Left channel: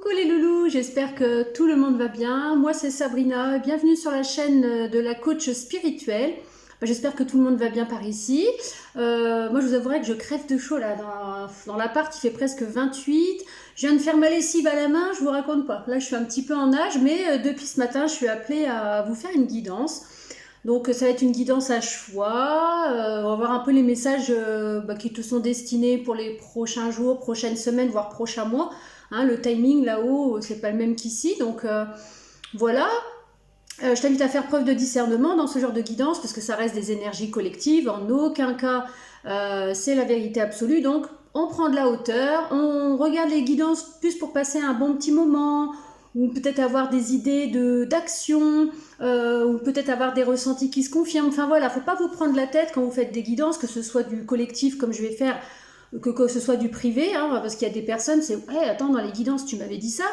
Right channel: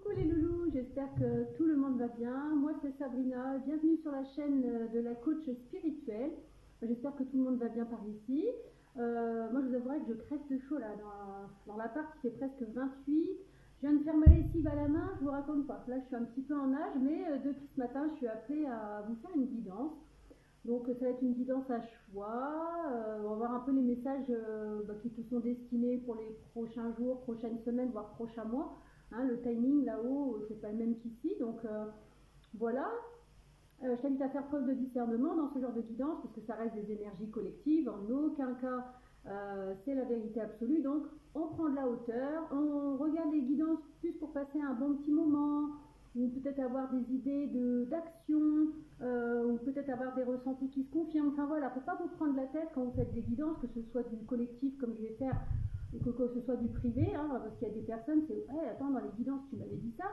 Coucou les loulous, j'espère que tout le monde va bien. Moi c'est Sabrina, bienvenue sur la chaîne de la coach spirituelle. J'espère que tout le monde va bien par ici. Moi je vous avouerai que je crève de chaud là, dans l'appart il fait presque 28. Je viens de faire ma lessive à la main, je vous raconte pas. Là je suis un petit peu en nage, mais depuis ce matin je suis appelée à vous faire une guidance. Donc ça va être une guidance à choix, on va voir un peu les messages qui te sont destinés pour les prochains jours, prochaines semaines, voire prochains mois. Hein, le timing là-haut, c'est pas le même qu'ici, donc voilà. Je t'invite à faire preuve de discernement dans ce genre de guidance, parce que ça reste des énergies collectives, en aucun cas c'est la vérité absolue, donc on prend de la hauteur, on regarde les guidances plus pour passer un bon petit moment, ou peut-être avoir des idées d'action, ou peut-être avoir des ressentis qui se confirment. Enfin voilà, faut pas vous prendre la tête quand vous faites des guidances, que ce soit du collectif comme je vais faire, que ce soit du privé, hein, parce qu'il y a des personnes, c'est hey, attends, dans les guidances tu m'avais dit ça,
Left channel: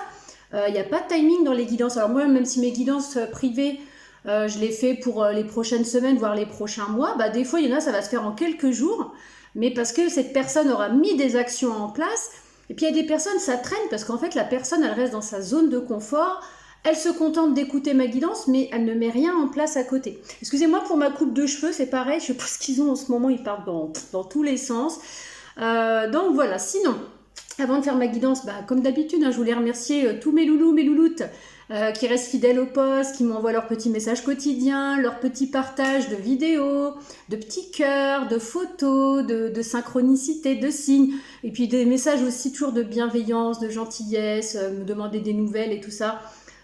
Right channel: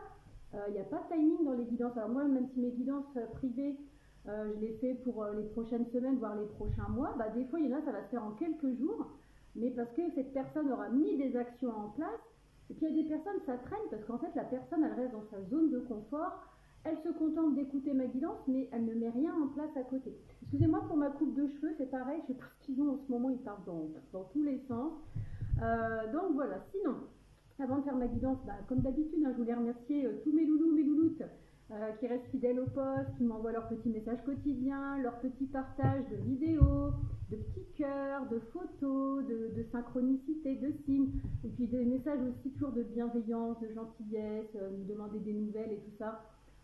il n'y a pas de timing dans les guidances. Alors moi, même si mes guidances privées, je les fais pour les prochaines semaines, voire les prochains mois, des fois il y en a, ça va se faire en quelques jours, mais parce que cette personne aura mis des actions en place. Et puis il y a des personnes, ça traîne, parce qu'en fait la personne, elle reste dans sa zone de confort, elle se contente d'écouter ma guidance, mais elle ne met rien en place à côté. Excusez-moi pour ma coupe de cheveux, c'est pareil, je sais pas ce qu'ils ont en ce moment, ils partent dans tous les sens. Donc voilà, sinon, avant de faire ma guidance, comme d'habitude, hein, je voulais remercier tous mes loulous, mes louloutes qui restent fidèles au poste, qui m'envoient leurs petits messages quotidiens, leurs petits partages de vidéos, de petits cœurs, de photos, de synchronicité, de signes, et puis des messages aussi toujours de bienveillance, de gentillesse, me demander des nouvelles et tout ça.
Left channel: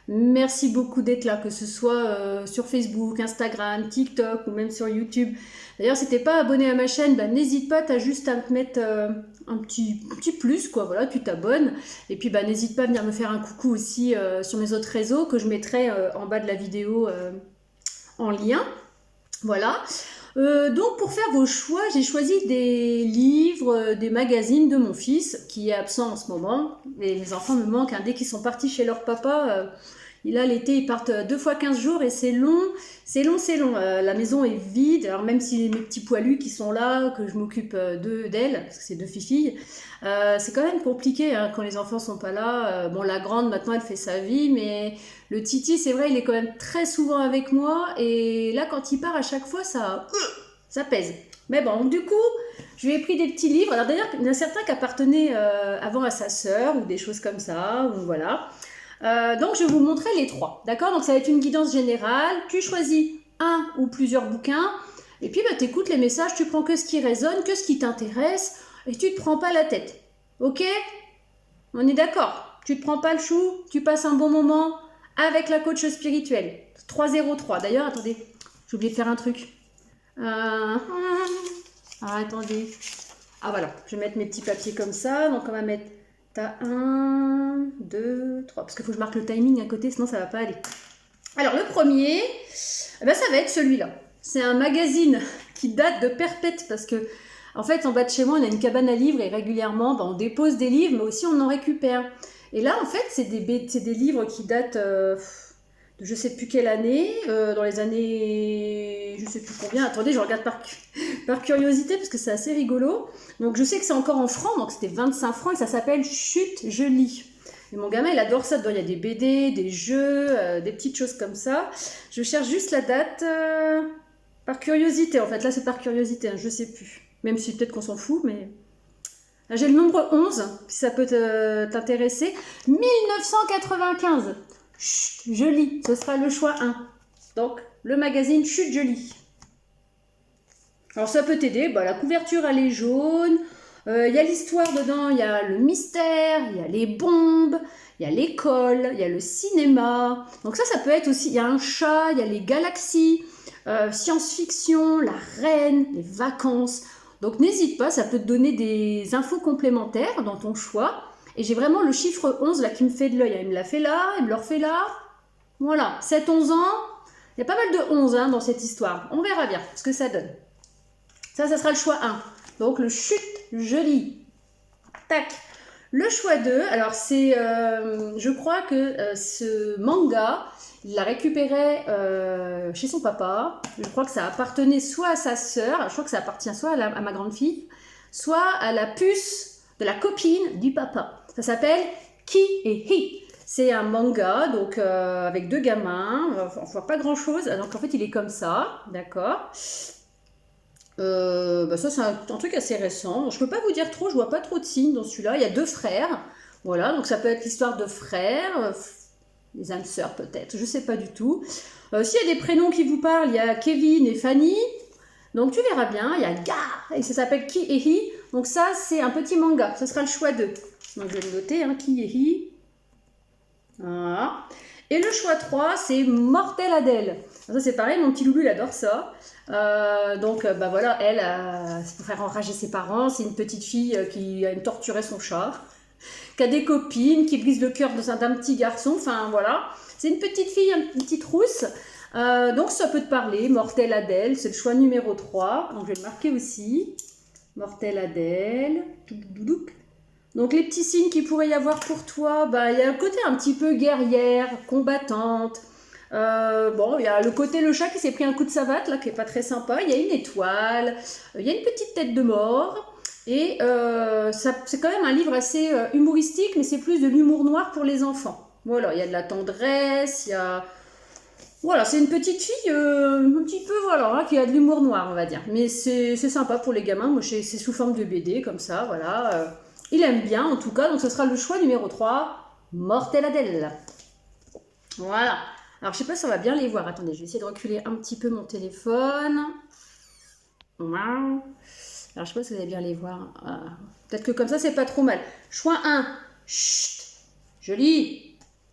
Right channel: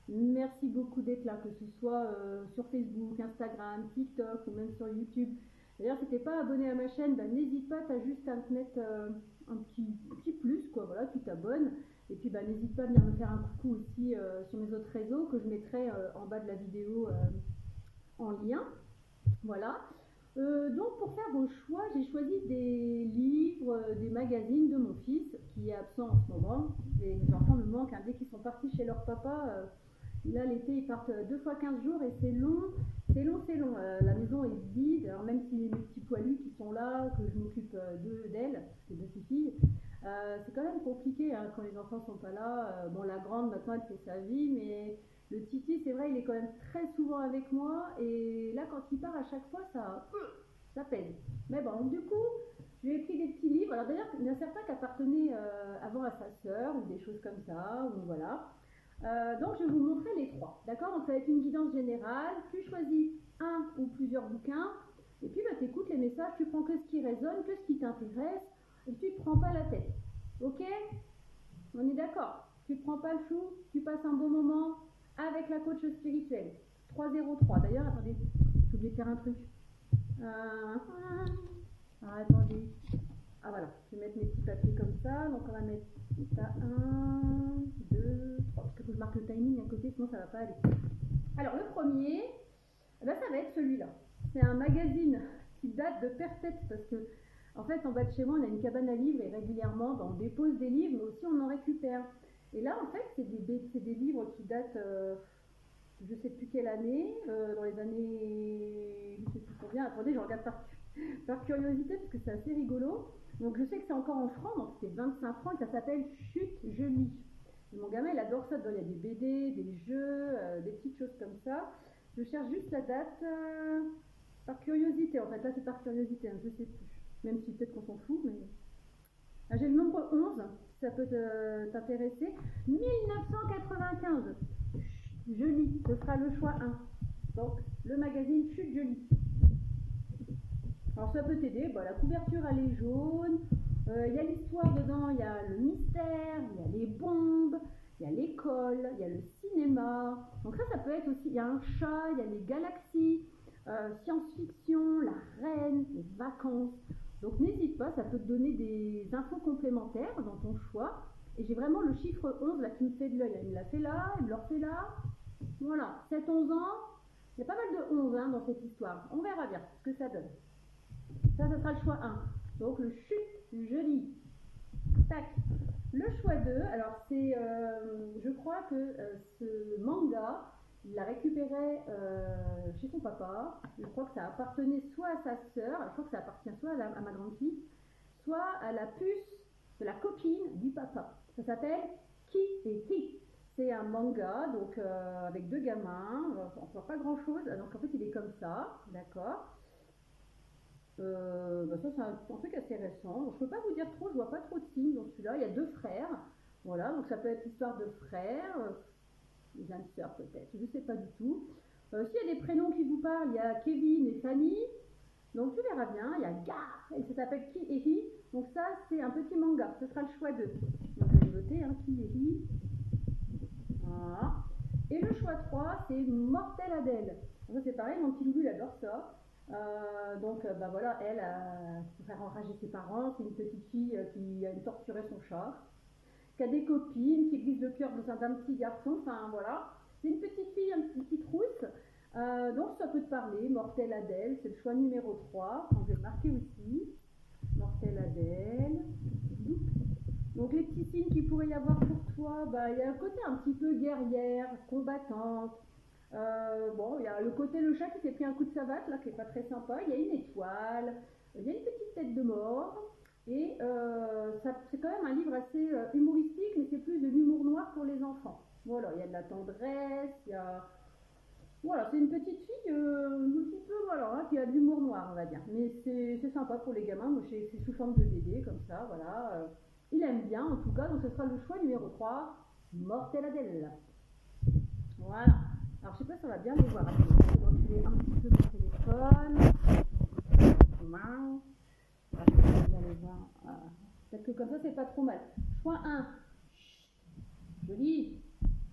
Merci beaucoup d'être là, que ce soit sur Facebook, Instagram, TikTok ou même sur YouTube. D'ailleurs, si t'es pas abonné à ma chaîne, n'hésite pas, t'as juste à te mettre un petit plus, quoi. Voilà, tu t'abonnes. Et puis, n'hésite pas à venir me faire un coucou aussi sur mes autres réseaux que je mettrai en bas de la vidéo en lien. Voilà. Donc, pour faire vos choix, j'ai choisi des livres, des magazines de mon fils qui est absent en ce moment. Et les enfants me manquent, hein. Dès qu'ils sont partis chez leur papa, là l'été ils partent 2 fois 15 jours et c'est long, c'est long, c'est long. La maison est vide, alors même si mes petits poilus qui sont là, que je m'occupe d'elles, parce que c'est 2 filles, c'est quand même compliqué hein, quand les enfants sont pas là. Bon, la grande maintenant elle fait sa vie, mais le Titi c'est vrai il est quand même très souvent avec moi, et là quand il part à chaque fois ça pèse. Mais bon, du coup je lui ai pris des petits livres. Alors d'ailleurs il y en a certains qui appartenaient avant à sa sœur ou des choses comme ça, ou voilà. Donc je vais vous montrer les 3, d'accord? Donc ça va être une guidance générale, tu choisis un ou plusieurs bouquins, et puis tu écoutes les messages, tu prends que ce qui résonne, que ce qui t'intéresse, et tu te prends pas la tête, ok? On est d'accord? Tu te prends pas le chou, tu passes un bon moment avec la coach spirituelle. 303, d'ailleurs, attendez, j'ai oublié de faire un truc. Attendez. Ah voilà, je vais mettre mes petits papiers comme ça, donc on va mettre... T'as 1, 2, 3, parce qu'il faut que je marque le timing à côté, sinon ça va pas aller. Alors le premier, ça va être celui-là. C'est un magazine qui date de perpète, parce que en fait en bas de chez moi on a une cabane à livres et régulièrement on dépose des livres, mais aussi on en récupère. Et là en fait c'est des livres qui datent de je sais plus quelle année, dans les années je sais plus combien. Attendez, je regarde par curiosité parce que c'est assez rigolo. Donc je sais que c'est encore en francs, donc c'était 25 francs et ça s'appelle Chut, je lis. Et mon gamin il adore ça, dedans il y a des BD, des jeux, des petites choses comme ça. Je cherche juste la date par curiosité en fait, là c'est par curiosité, hein, je sais plus. Même si peut-être qu'on s'en fout, mais... Là, j'ai le nombre 11, si ça peut t'intéresser. 1995. Chut, je lis, ce sera le choix 1. Donc le magazine Chut, je lis. Alors ça peut t'aider, la couverture elle est jaune, il y a l'histoire dedans, il y a le mystère, il y a les bombes, il y a l'école, il y a le cinéma. Donc ça peut être aussi, il y a un chat, il y a les galaxies, science-fiction, la reine, les vacances. Donc n'hésite pas, ça peut te donner des infos complémentaires dans ton choix. Et j'ai vraiment le chiffre 11 là qui me fait de l'œil. Il me l'a fait là, il me le refait là. Voilà, 7-11 ans, il y a pas mal de 11 hein, dans cette histoire. On verra bien ce que ça donne. Ça sera le choix 1. Donc le chut, je lis. Tac. Le choix 2, alors c'est, je crois que ce manga, il l'a récupéré chez son papa. Je crois que ça appartenait soit à sa sœur, je crois que ça appartient soit à ma grande fille, soit à la puce de la copine du papa. Ça s'appelle Ki et Hi. C'est un manga, donc avec 2 gamins, on voit pas grand chose, donc en fait il est comme ça, d'accord. Ça c'est un truc assez récent, je peux pas vous dire trop, je vois pas trop de signes dans celui-là, il y a 2 frères, voilà, donc ça peut être l'histoire de frères, les âmes sœurs peut-être, je sais pas du tout. S'il y a des prénoms qui vous parlent, il y a Kevin et Fanny, donc tu verras bien, il y a Ga, et ça s'appelle Ki et Hi, donc ça c'est un petit manga, ce sera le choix 2. Donc je vais le noter, hein, Ki et Hi. Voilà. Et le choix 3, c'est Mortel Adèle. Ça c'est pareil, mon petit loulou il adore ça. Voilà, elle, c'est pour faire enrager ses parents. C'est une petite fille qui a torturé son chat, qui a des copines, qui brise le cœur d'un petit garçon. Enfin voilà, c'est une petite fille, une petite rousse. Donc ça peut te parler, Mortel Adèle, c'est le choix numéro 3. Donc je vais le marquer aussi. Mortel Adèle. Donc les petits signes qu'il pourrait y avoir pour toi, il y a le côté un petit peu guerrière, combattante. Il y a le côté le chat qui s'est pris un coup de savate, là, qui est pas très sympa. Il y a une étoile, il y a une petite tête de mort. Et c'est quand même un livre assez humoristique, mais c'est plus de l'humour noir pour les enfants. Voilà, il y a de la tendresse, il y a... Voilà, c'est une petite fille un petit peu, voilà, hein, qui a de l'humour noir, on va dire. Mais c'est sympa pour les gamins. Moi, c'est sous forme de BD, comme ça, voilà. Il aime bien, en tout cas. Donc, ce sera le choix numéro 3, Mortel Adèle. Voilà. Alors, je sais pas si on va bien les voir. Attendez, je vais essayer de reculer un petit peu mon téléphone. Voilà. Alors, je sais pas si vous allez bien les voir. Peut-être que comme ça, c'est pas trop mal. Choix 1, chut, joli.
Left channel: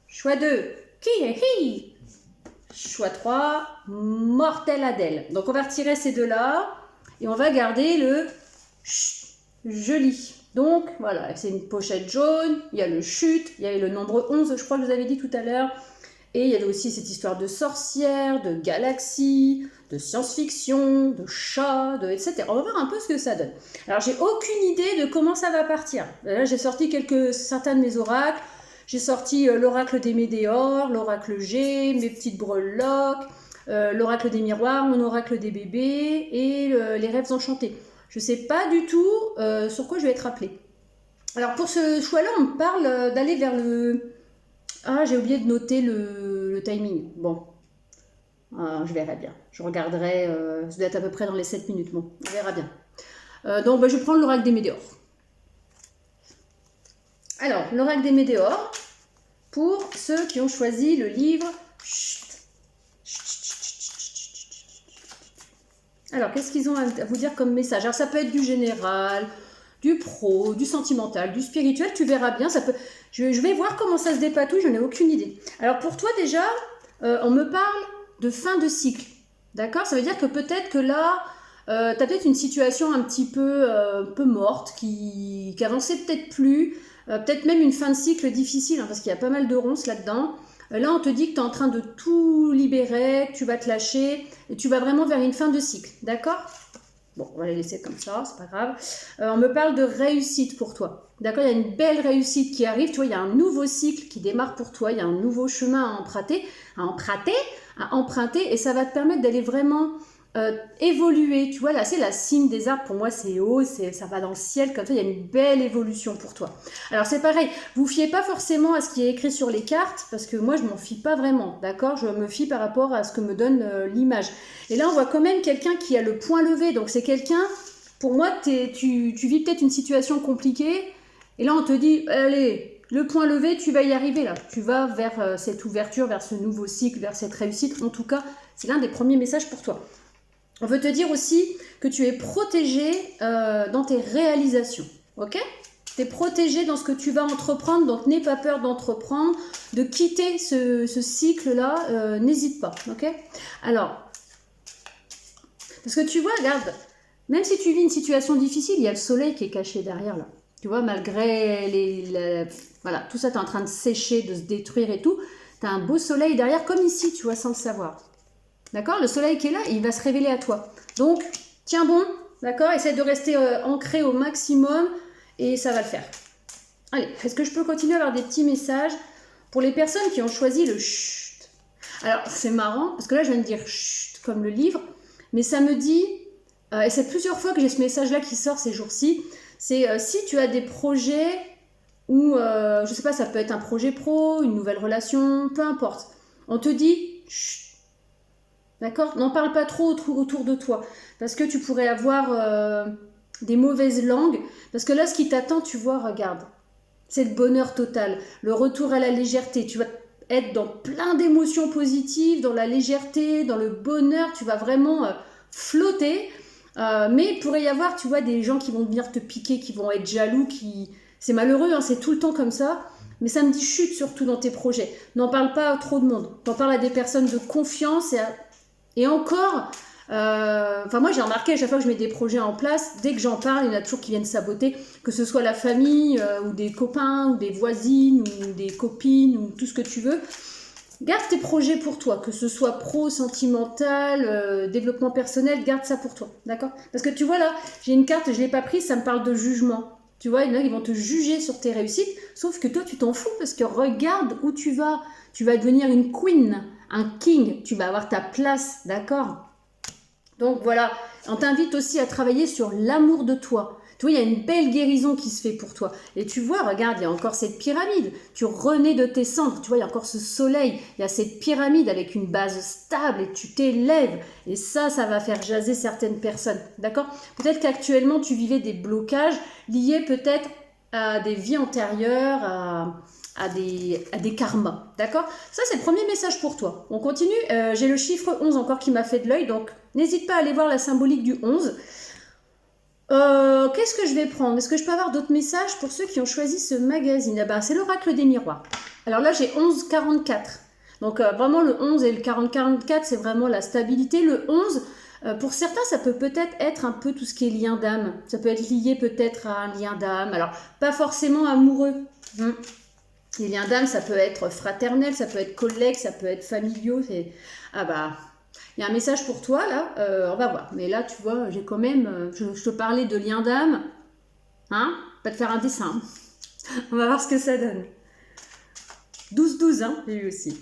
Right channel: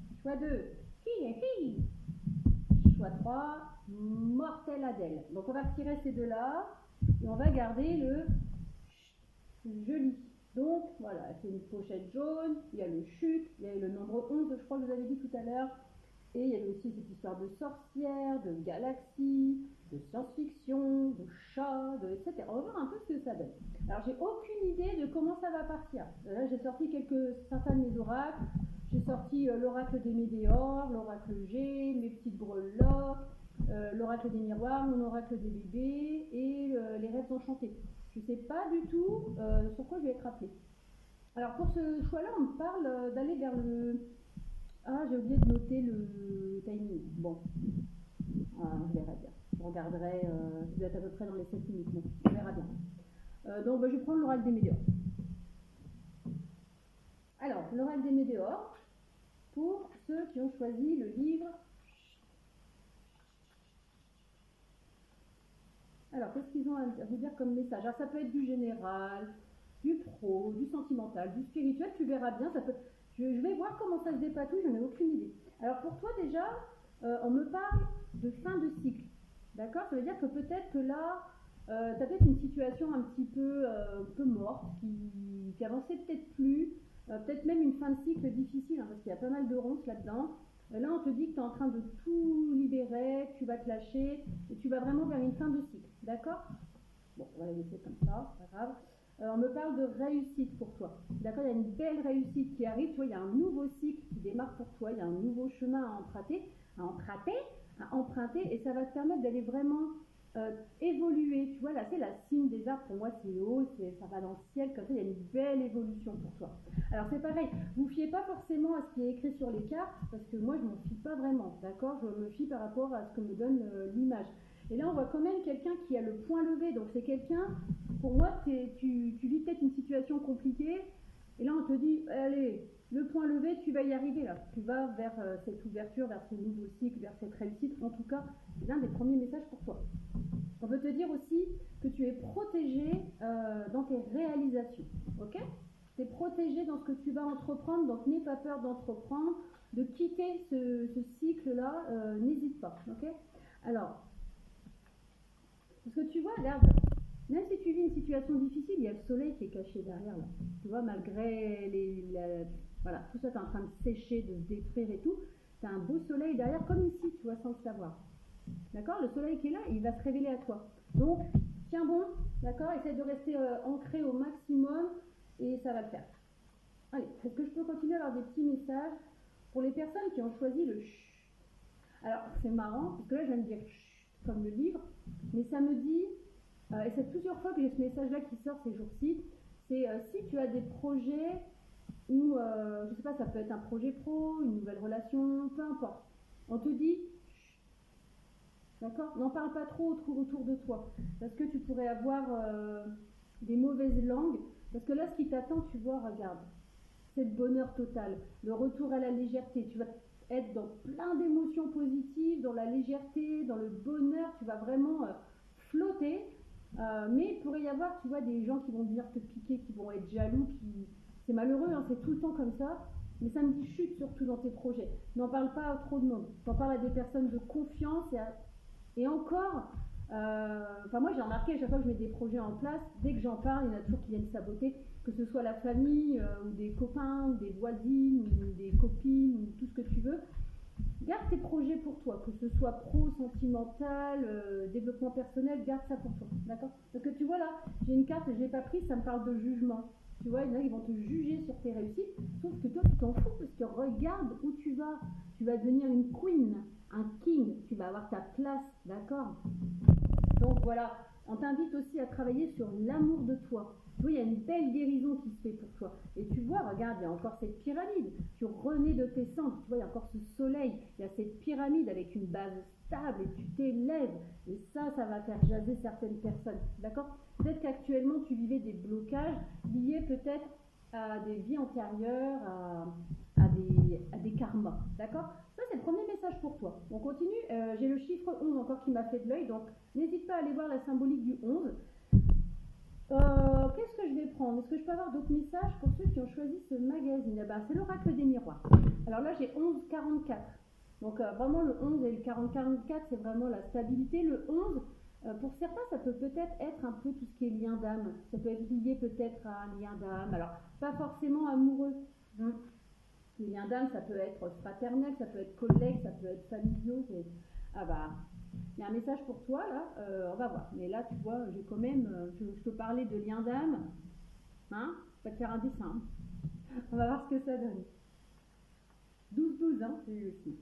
Choix 2, qui est qui. Choix 3, Mortel Adèle. Donc on va retirer ces deux-là et on va garder le joli. Donc voilà, c'est une pochette jaune, il y a le chute, il y a le nombre 11, je crois que vous avez dit tout à l'heure. Et il y a aussi cette histoire de sorcière, de galaxie, de science-fiction, de chat, etc. On va voir un peu ce que ça donne. Alors j'ai aucune idée de comment ça va partir. Là j'ai sorti certains de mes oracles. J'ai sorti l'oracle des météores, l'oracle G, mes petites breloques, l'oracle des miroirs, mon oracle des bébés et les rêves enchantés. Je ne sais pas du tout sur quoi je vais être appelée. Alors pour ce choix-là, on me parle d'aller vers le... Ah, j'ai oublié de noter le timing. Bon, je verrai bien. Je regarderai, ça doit être à peu près dans les 7 minutes. Bon, on verra bien. Je vais prendre l'oracle des météores. Alors, l'oracle des météores, pour ceux qui ont choisi le livre. Alors, qu'est-ce qu'ils ont à vous dire comme message? Alors, ça peut être du général, du pro, du sentimental, du spirituel, tu verras bien. Ça peut... je vais voir comment ça se dépatouille, je n'ai aucune idée. Alors, pour toi, déjà, on me parle de fin de cycle. D'accord? Ça veut dire que peut-être que là, tu as peut-être une situation un petit peu morte, qui avançait peut-être plus. Peut-être même une fin de cycle difficile, hein, parce qu'il y a pas mal de ronces là-dedans. Là, on te dit que tu es en train de tout libérer, que tu vas te lâcher, et tu vas vraiment vers une fin de cycle, d'accord? Bon, on va les laisser comme ça, c'est pas grave. On me parle de réussite pour toi, d'accord? Il y a une belle réussite qui arrive, tu vois, il y a un nouveau cycle qui démarre pour toi, il y a un nouveau chemin à emprunter, et ça va te permettre d'aller vraiment... évoluer, tu vois, là c'est la cime des arbres, pour moi c'est haut, ça va dans le ciel, comme ça il y a une belle évolution pour toi. Alors c'est pareil, vous fiez pas forcément à ce qui est écrit sur les cartes, parce que moi je m'en fie pas vraiment, d'accord? Je me fie par rapport à ce que me donne l'image. Et là on voit quand même quelqu'un qui a le point levé, donc c'est quelqu'un, pour moi tu vis peut-être une situation compliquée, et là on te dit, allez, le point levé, tu vas y arriver là, tu vas vers cette ouverture, vers ce nouveau cycle, vers cette réussite, en tout cas c'est l'un des premiers messages pour toi. On veut te dire aussi que tu es protégé dans tes réalisations, ok? Tu es protégé dans ce que tu vas entreprendre, donc n'aie pas peur d'entreprendre, de quitter ce cycle-là, n'hésite pas, ok? Alors, parce que tu vois, regarde, même si tu vis une situation difficile, il y a le soleil qui est caché derrière là. Tu vois, malgré voilà, tout ça, tu es en train de sécher, de se détruire et tout, tu as un beau soleil derrière, comme ici, tu vois, sans le savoir. D'accord? Le soleil qui est là, il va se révéler à toi. Donc, tiens bon, d'accord? Essaie de rester ancré au maximum et ça va le faire. Allez, est-ce que je peux continuer à avoir des petits messages pour les personnes qui ont choisi le chut? Alors, c'est marrant, parce que là, je viens de dire chut, comme le livre, mais ça me dit, et c'est plusieurs fois que j'ai ce message-là qui sort ces jours-ci, c'est si tu as des projets ou je sais pas, ça peut être un projet pro, une nouvelle relation, peu importe. On te dit, chut, d'accord? N'en parle pas trop autour de toi, parce que tu pourrais avoir des mauvaises langues, parce que là, ce qui t'attend, tu vois, regarde, c'est le bonheur total, le retour à la légèreté. Tu vas être dans plein d'émotions positives, dans la légèreté, dans le bonheur, tu vas vraiment flotter. Mais il pourrait y avoir, tu vois, des gens qui vont venir te piquer, qui vont être jaloux, qui... C'est malheureux, hein, c'est tout le temps comme ça. Mais ça me dit chute surtout dans tes projets. N'en parle pas à trop de monde. T'en parles à des personnes de confiance et encore... Enfin moi j'ai remarqué à chaque fois que je mets des projets en place, dès que j'en parle, il y en a toujours qui viennent saboter, que ce soit la famille, ou des copains, ou des voisines, ou des copines, ou tout ce que tu veux. Garde tes projets pour toi, que ce soit pro, sentimental, développement personnel, garde ça pour toi, d'accord? Parce que tu vois là, j'ai une carte, je ne l'ai pas prise, ça me parle de jugement. Tu vois, il y en a qui vont te juger sur tes réussites, sauf que toi tu t'en fous parce que regarde où tu vas. Tu vas devenir une queen, un king, tu vas avoir ta place, d'accord? Donc voilà, on t'invite aussi à travailler sur l'amour de toi. Tu vois, il y a une belle guérison qui se fait pour toi. Et tu vois, regarde, il y a encore cette pyramide. Tu renais de tes cendres. Tu vois, il y a encore ce soleil. Il y a cette pyramide avec une base stable et tu t'élèves. Et ça va faire jaser certaines personnes. D'accord? Peut-être qu'actuellement, tu vivais des blocages liés peut-être à des vies antérieures, à des karmas. D'accord? Ça, c'est le premier message pour toi. On continue. J'ai le chiffre 11 encore qui m'a fait de l'œil. Donc, n'hésite pas à aller voir la symbolique du 11. Qu'est-ce que je vais prendre? Est-ce que je peux avoir d'autres messages pour ceux qui ont choisi ce magazine? C'est l'oracle des miroirs. Alors là, j'ai 11-44. Donc vraiment, le 11 et le 40-44, c'est vraiment la stabilité. Le 11, pour certains, ça peut peut-être être un peu tout ce qui est lien d'âme. Ça peut être lié peut-être à un lien d'âme. Alors, pas forcément amoureux. Les liens d'âme, ça peut être fraternel, ça peut être collègue, ça peut être familiaux. Ah bah... Il y a un message pour toi, là, on va voir. Mais là, tu vois, j'ai quand même... je te parlais de lien d'âme. Hein? Pas te faire un dessin. On va voir ce que ça donne. 12-12, hein, j'ai eu aussi.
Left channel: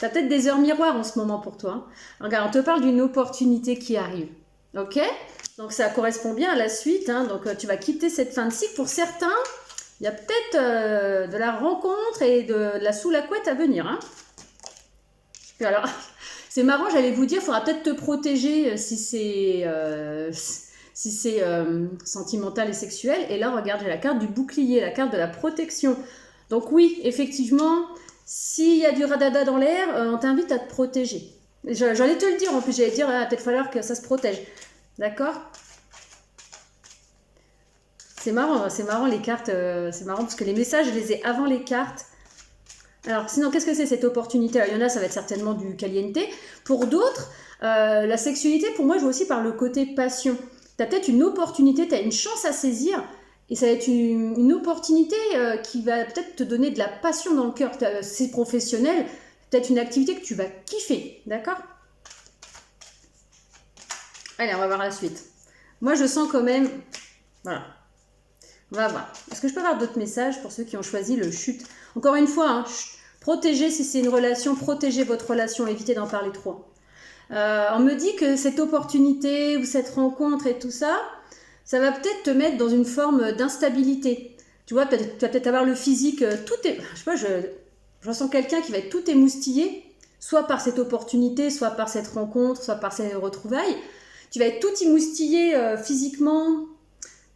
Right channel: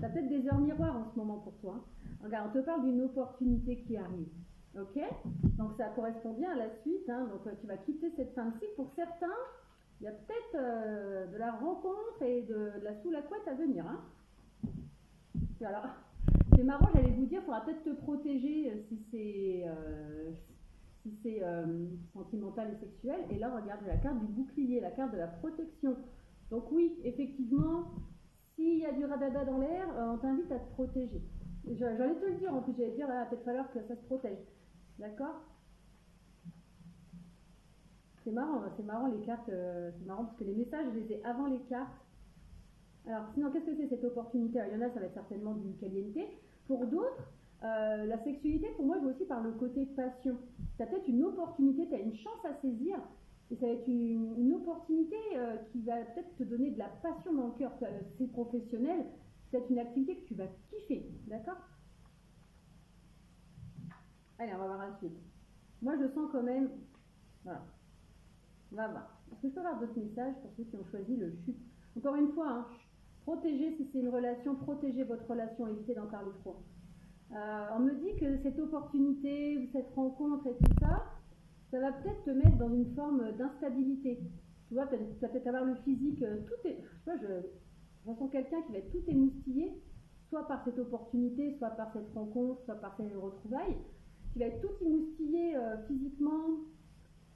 T'as peut-être des heures miroirs en ce moment pour toi. Hein. Regarde, on te parle d'une opportunité qui arrive. Ok? Donc, ça correspond bien à la suite. Hein. Donc, tu vas quitter cette fin de cycle. Pour certains, il y a peut-être de la rencontre et de la sous la couette à venir. Hein. Puis alors... C'est marrant, j'allais vous dire, il faudra peut-être te protéger si c'est sentimental et sexuel. Et là, regarde, j'ai la carte du bouclier, la carte de la protection. Donc oui, effectivement, s'il y a du radada dans l'air, on t'invite à te protéger. J'allais te le dire, en plus, j'allais dire, peut-être falloir que ça se protège. D'accord? C'est marrant les cartes, c'est marrant parce que les messages, je les ai avant les cartes. Alors, sinon, qu'est-ce que c'est cette opportunité? Alors, il y en a, ça va être certainement du caliente. Pour d'autres, la sexualité, pour moi, je vois aussi par le côté passion. Tu as peut-être une opportunité, tu as une chance à saisir, et ça va être une opportunité qui va peut-être te donner de la passion dans le cœur. C'est professionnel, peut-être une activité que tu vas kiffer, d'accord? Allez, on va voir la suite. Moi, je sens quand même... Voilà. On va voir. Est-ce que je peux avoir d'autres messages pour ceux qui ont choisi le chute? Encore une fois, hein, protégez si c'est une relation, protégez votre relation, évitez d'en parler trop. On me dit que cette opportunité ou cette rencontre et tout ça, ça va peut-être te mettre dans une forme d'instabilité. Tu vois, tu vas peut-être avoir le physique, tout est... Je sais pas, je ressens quelqu'un qui va être tout émoustillé, soit par cette opportunité, soit par cette rencontre, soit par ces retrouvailles. Tu vas être tout émoustillé physiquement...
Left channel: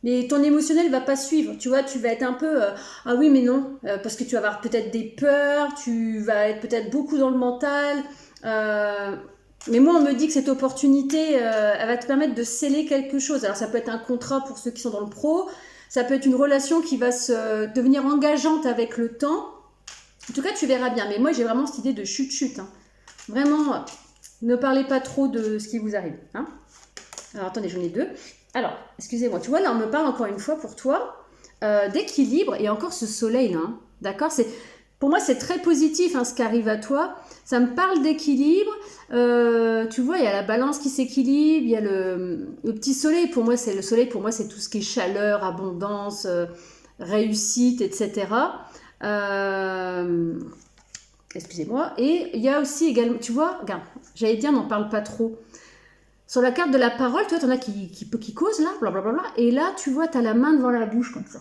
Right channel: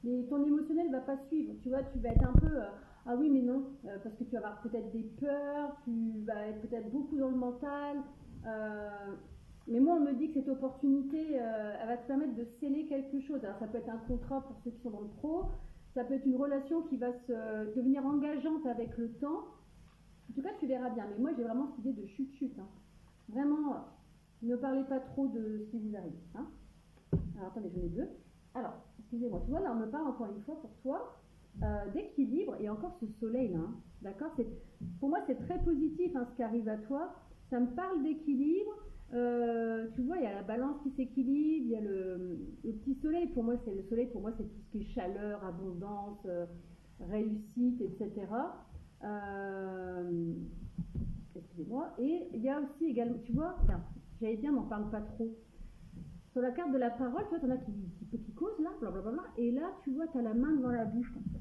Mais ton émotionnel va pas suivre, tu vois, tu vas être un peu ah oui mais non, parce que tu vas avoir peut-être des peurs, tu vas être peut-être beaucoup dans le mental. Mais moi on me dit que cette opportunité, elle va te permettre de sceller quelque chose. Alors ça peut être un contrat pour ceux qui sont dans le pro, ça peut être une relation qui va devenir engageante avec le temps. En tout cas tu verras bien, mais moi j'ai vraiment cette idée de chute-chute. Hein. Vraiment, ne parlez pas trop de ce qui vous arrive. Hein. Alors attendez, j'en ai deux. Alors, excusez-moi, tu vois, là, on me parle encore une fois pour toi d'équilibre et encore ce soleil là, hein, d'accord? Pour moi, c'est très positif hein, ce qui arrive à toi. Ça me parle d'équilibre. Tu vois, il y a la balance qui s'équilibre, il y a le petit soleil. Pour moi, le soleil, pour moi, c'est tout ce qui est chaleur, abondance, réussite, etc. Excusez-moi. Et il y a aussi également, tu vois, regarde, j'allais dire, n'en parle pas trop. Sur la carte de la parole, tu vois, t'en as qui causent là, blablabla. Et là, tu vois, t'as la main devant la bouche comme ça.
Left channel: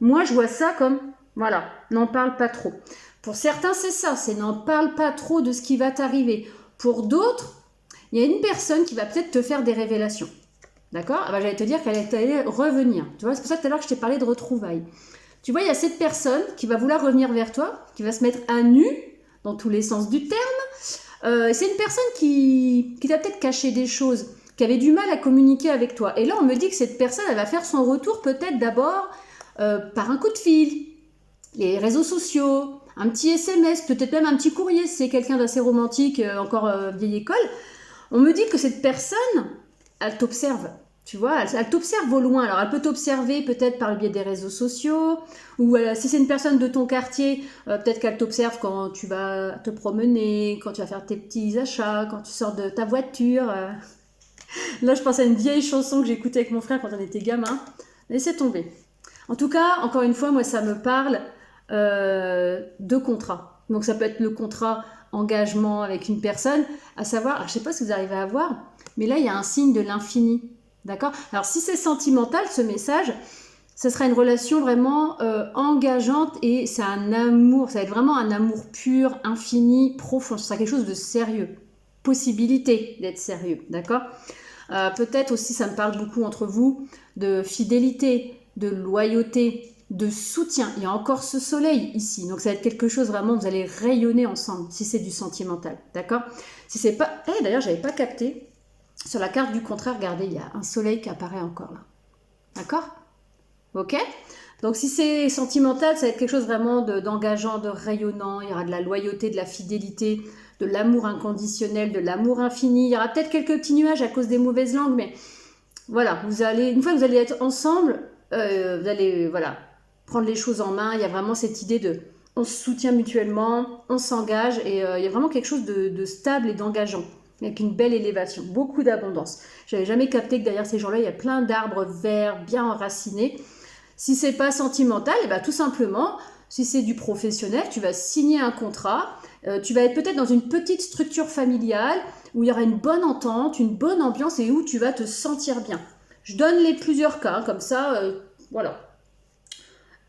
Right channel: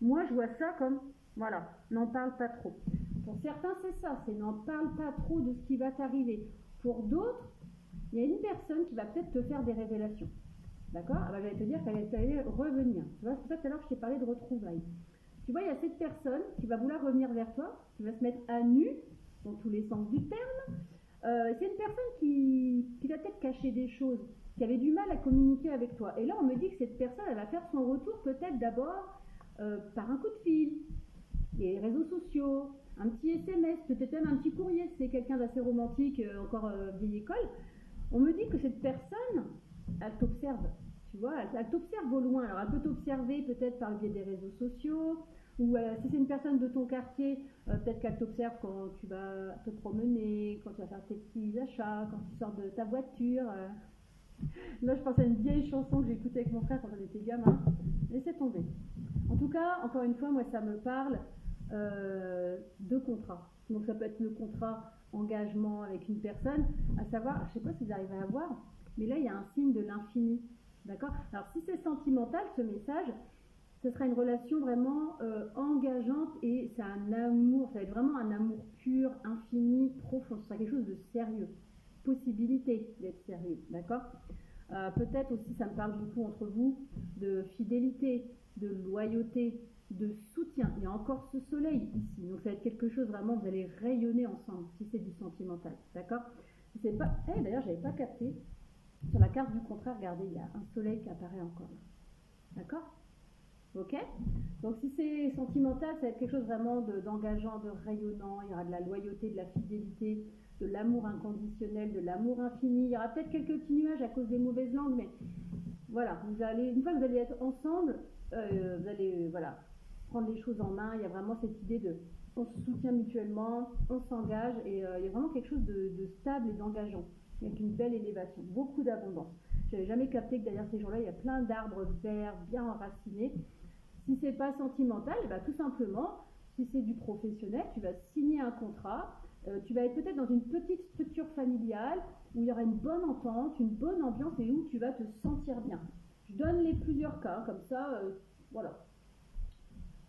Moi, je vois ça comme, voilà, n'en parle pas trop. Pour certains, c'est ça, c'est n'en parle pas trop de ce qui va t'arriver. Pour d'autres, il y a une personne qui va peut-être te faire des révélations. D'accord? Ah bah, j'allais te dire qu'elle allait revenir. Tu vois, c'est pour ça que tout à l'heure, je t'ai parlé de retrouvailles. Tu vois, il y a cette personne qui va vouloir revenir vers toi, qui va se mettre à nu, dans tous les sens du terme. C'est une personne qui t'a peut-être caché des choses, qui avait du mal à communiquer avec toi. Et là, on me dit que cette personne, elle va faire son retour peut-être d'abord par un coup de fil, les réseaux sociaux, un petit SMS, peut-être même un petit courrier, si c'est quelqu'un d'assez romantique, encore vieille école. On me dit que cette personne, elle t'observe. Tu vois, elle t'observe au loin. Alors, elle peut t'observer peut-être par le biais des réseaux sociaux, ou si c'est une personne de ton quartier, peut-être qu'elle t'observe quand tu vas te promener, quand tu vas faire tes petits achats, quand tu sors de ta voiture. Là, je pense à une vieille chanson que j'écoutais avec mon frère quand on était gamin. Laissez tomber. En tout cas, encore une fois, moi, ça me parle de contrat. Donc, ça peut être le contrat engagement avec une personne, à savoir, alors, je ne sais pas si vous arrivez à voir, mais là, il y a un signe de l'infini. D'accord? Alors, si c'est sentimental, ce message, ce sera une relation vraiment engageante et c'est un amour, ça va être vraiment un amour pur, infini, profond. Ce sera quelque chose de sérieux. Possibilité d'être sérieux. D'accord? Peut-être aussi, ça me parle beaucoup entre vous, de fidélité, de loyauté, de soutien. Il y a encore ce soleil ici. Donc, ça va être quelque chose vraiment, vous allez rayonner ensemble si c'est du sentimental. D'accord? Si c'est pas. D'ailleurs, j'avais pas capté. Sur la carte du contraire, regardez, il y a un soleil qui apparaît encore là. D'accord? Ok? Donc si c'est sentimental, ça va être quelque chose vraiment d'engageant, de rayonnant. Il y aura de la loyauté, de la fidélité, de l'amour inconditionnel, de l'amour infini. Il y aura peut-être quelques petits nuages à cause des mauvaises langues, mais voilà, une fois que vous allez être ensemble, vous allez prendre les choses en main. Il y a vraiment cette idée de on se soutient mutuellement, on s'engage et il y a vraiment quelque chose de stable et d'engageant, avec une belle élévation, beaucoup d'abondance. J'avais jamais capté que derrière ces gens-là, il y a plein d'arbres verts bien enracinés. Si c'est pas sentimental, et ben tout simplement, si c'est du professionnel, tu vas signer un contrat, tu vas être peut-être dans une petite structure familiale où il y aura une bonne entente, une bonne ambiance et où tu vas te sentir bien. Je donne les plusieurs cas, comme ça, voilà.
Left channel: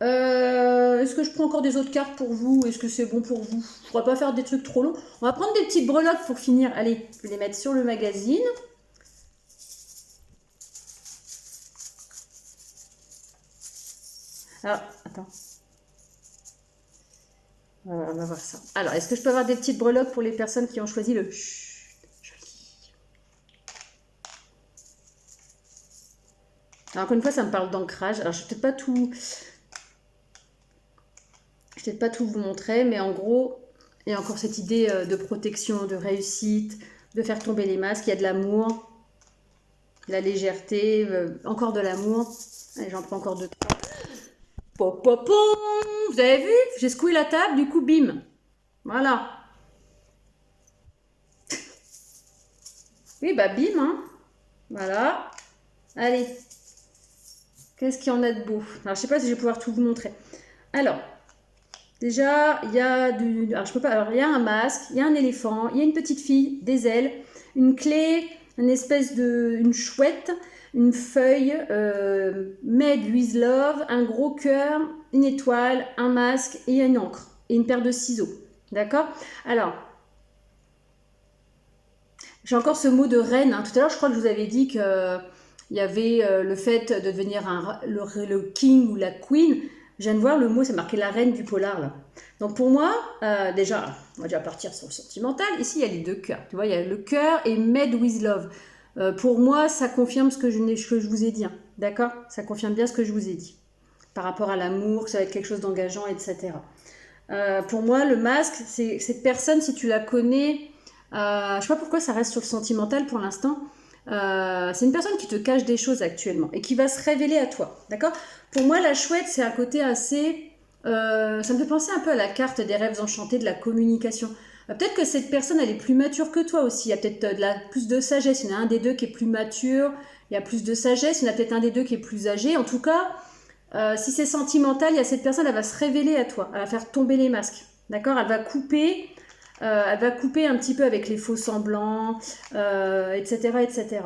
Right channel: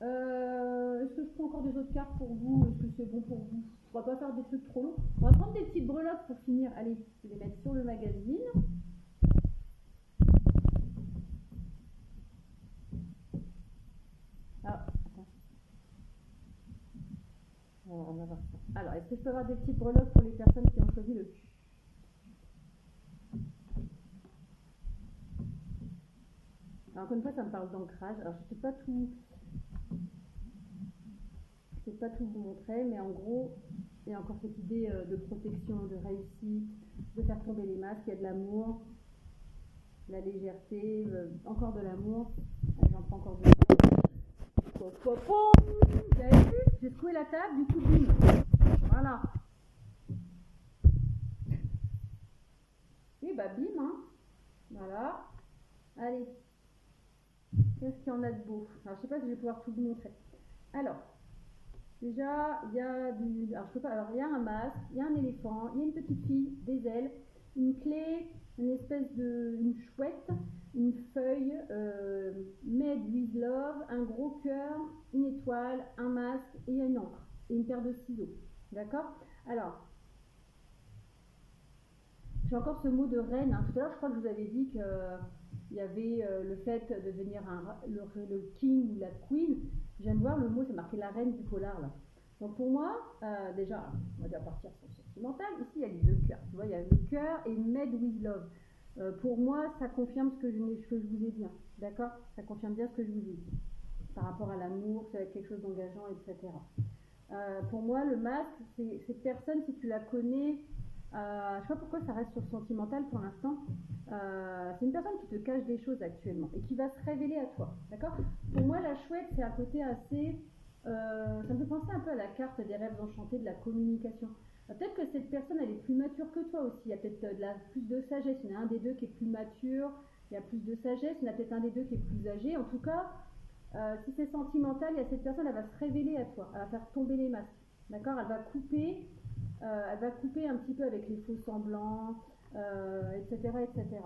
Est-ce que je prends encore des autres cartes pour vous? Est-ce que c'est bon pour vous? Je ne pourrais pas faire des trucs trop longs. On va prendre des petites breloques pour finir. Allez, je vais les mettre sur le magazine. Alors, attends. On va voir ça. Alors, est-ce que je peux avoir des petites breloques pour les personnes qui ont choisi le chut, joli. Alors, encore une fois, ça me parle d'ancrage. Alors, je ne vais peut-être pas tout vous montrer, mais en gros, il y a encore cette idée de protection, de réussite, de faire tomber les masques. Il y a de l'amour, de la légèreté, encore de l'amour. Allez, j'en prends encore deux. Popopom. Vous avez vu? J'ai secoué la table, du coup, bim. Voilà. Oui, bah bim, hein. Voilà. Allez. Qu'est-ce qu'il y en a de beau? Alors, je sais pas si je vais pouvoir tout vous montrer. Alors, déjà, il y a alors, je peux pas. Alors, il y a un masque, il y a un éléphant, il y a une petite fille, des ailes, une clé, une chouette, une feuille, Made with Love, un gros cœur, une étoile, un masque et une encre et une paire de ciseaux. D'accord? Alors, j'ai encore ce mot de reine. Tout à l'heure, je crois que je vous avais dit que il y avait le fait de devenir le king ou la queen. Je viens de voir le mot, c'est marqué la reine du polar là. Donc pour moi, déjà, on va déjà partir sur le sentimental. Ici, il y a les deux cœurs. Tu vois, il y a le cœur et Made with Love. Pour moi, ça confirme ce que je vous ai dit. Hein. D'accord? Ça confirme bien ce que je vous ai dit. Par rapport à l'amour, que ça va être quelque chose d'engageant, etc. Pour moi, le masque, c'est cette personne, si tu la connais, je ne sais pas pourquoi ça reste sur le sentimental pour l'instant. C'est une personne qui te cache des choses actuellement et qui va se révéler à toi. D'accord? Pour moi, la chouette, c'est un côté assez... ça me fait penser un peu à la carte des rêves enchantés de la communication. Peut-être que cette personne, elle est plus mature que toi aussi. Il y a peut-être plus de sagesse. Il y en a un des deux qui est plus mature. Il y a plus de sagesse. Il y en a peut-être un des deux qui est plus âgé. En tout cas, si c'est sentimental, il y a cette personne, elle va se révéler à toi. Elle va faire tomber les masques. D'accord? Elle va couper un petit peu avec les faux semblants, etc., etc.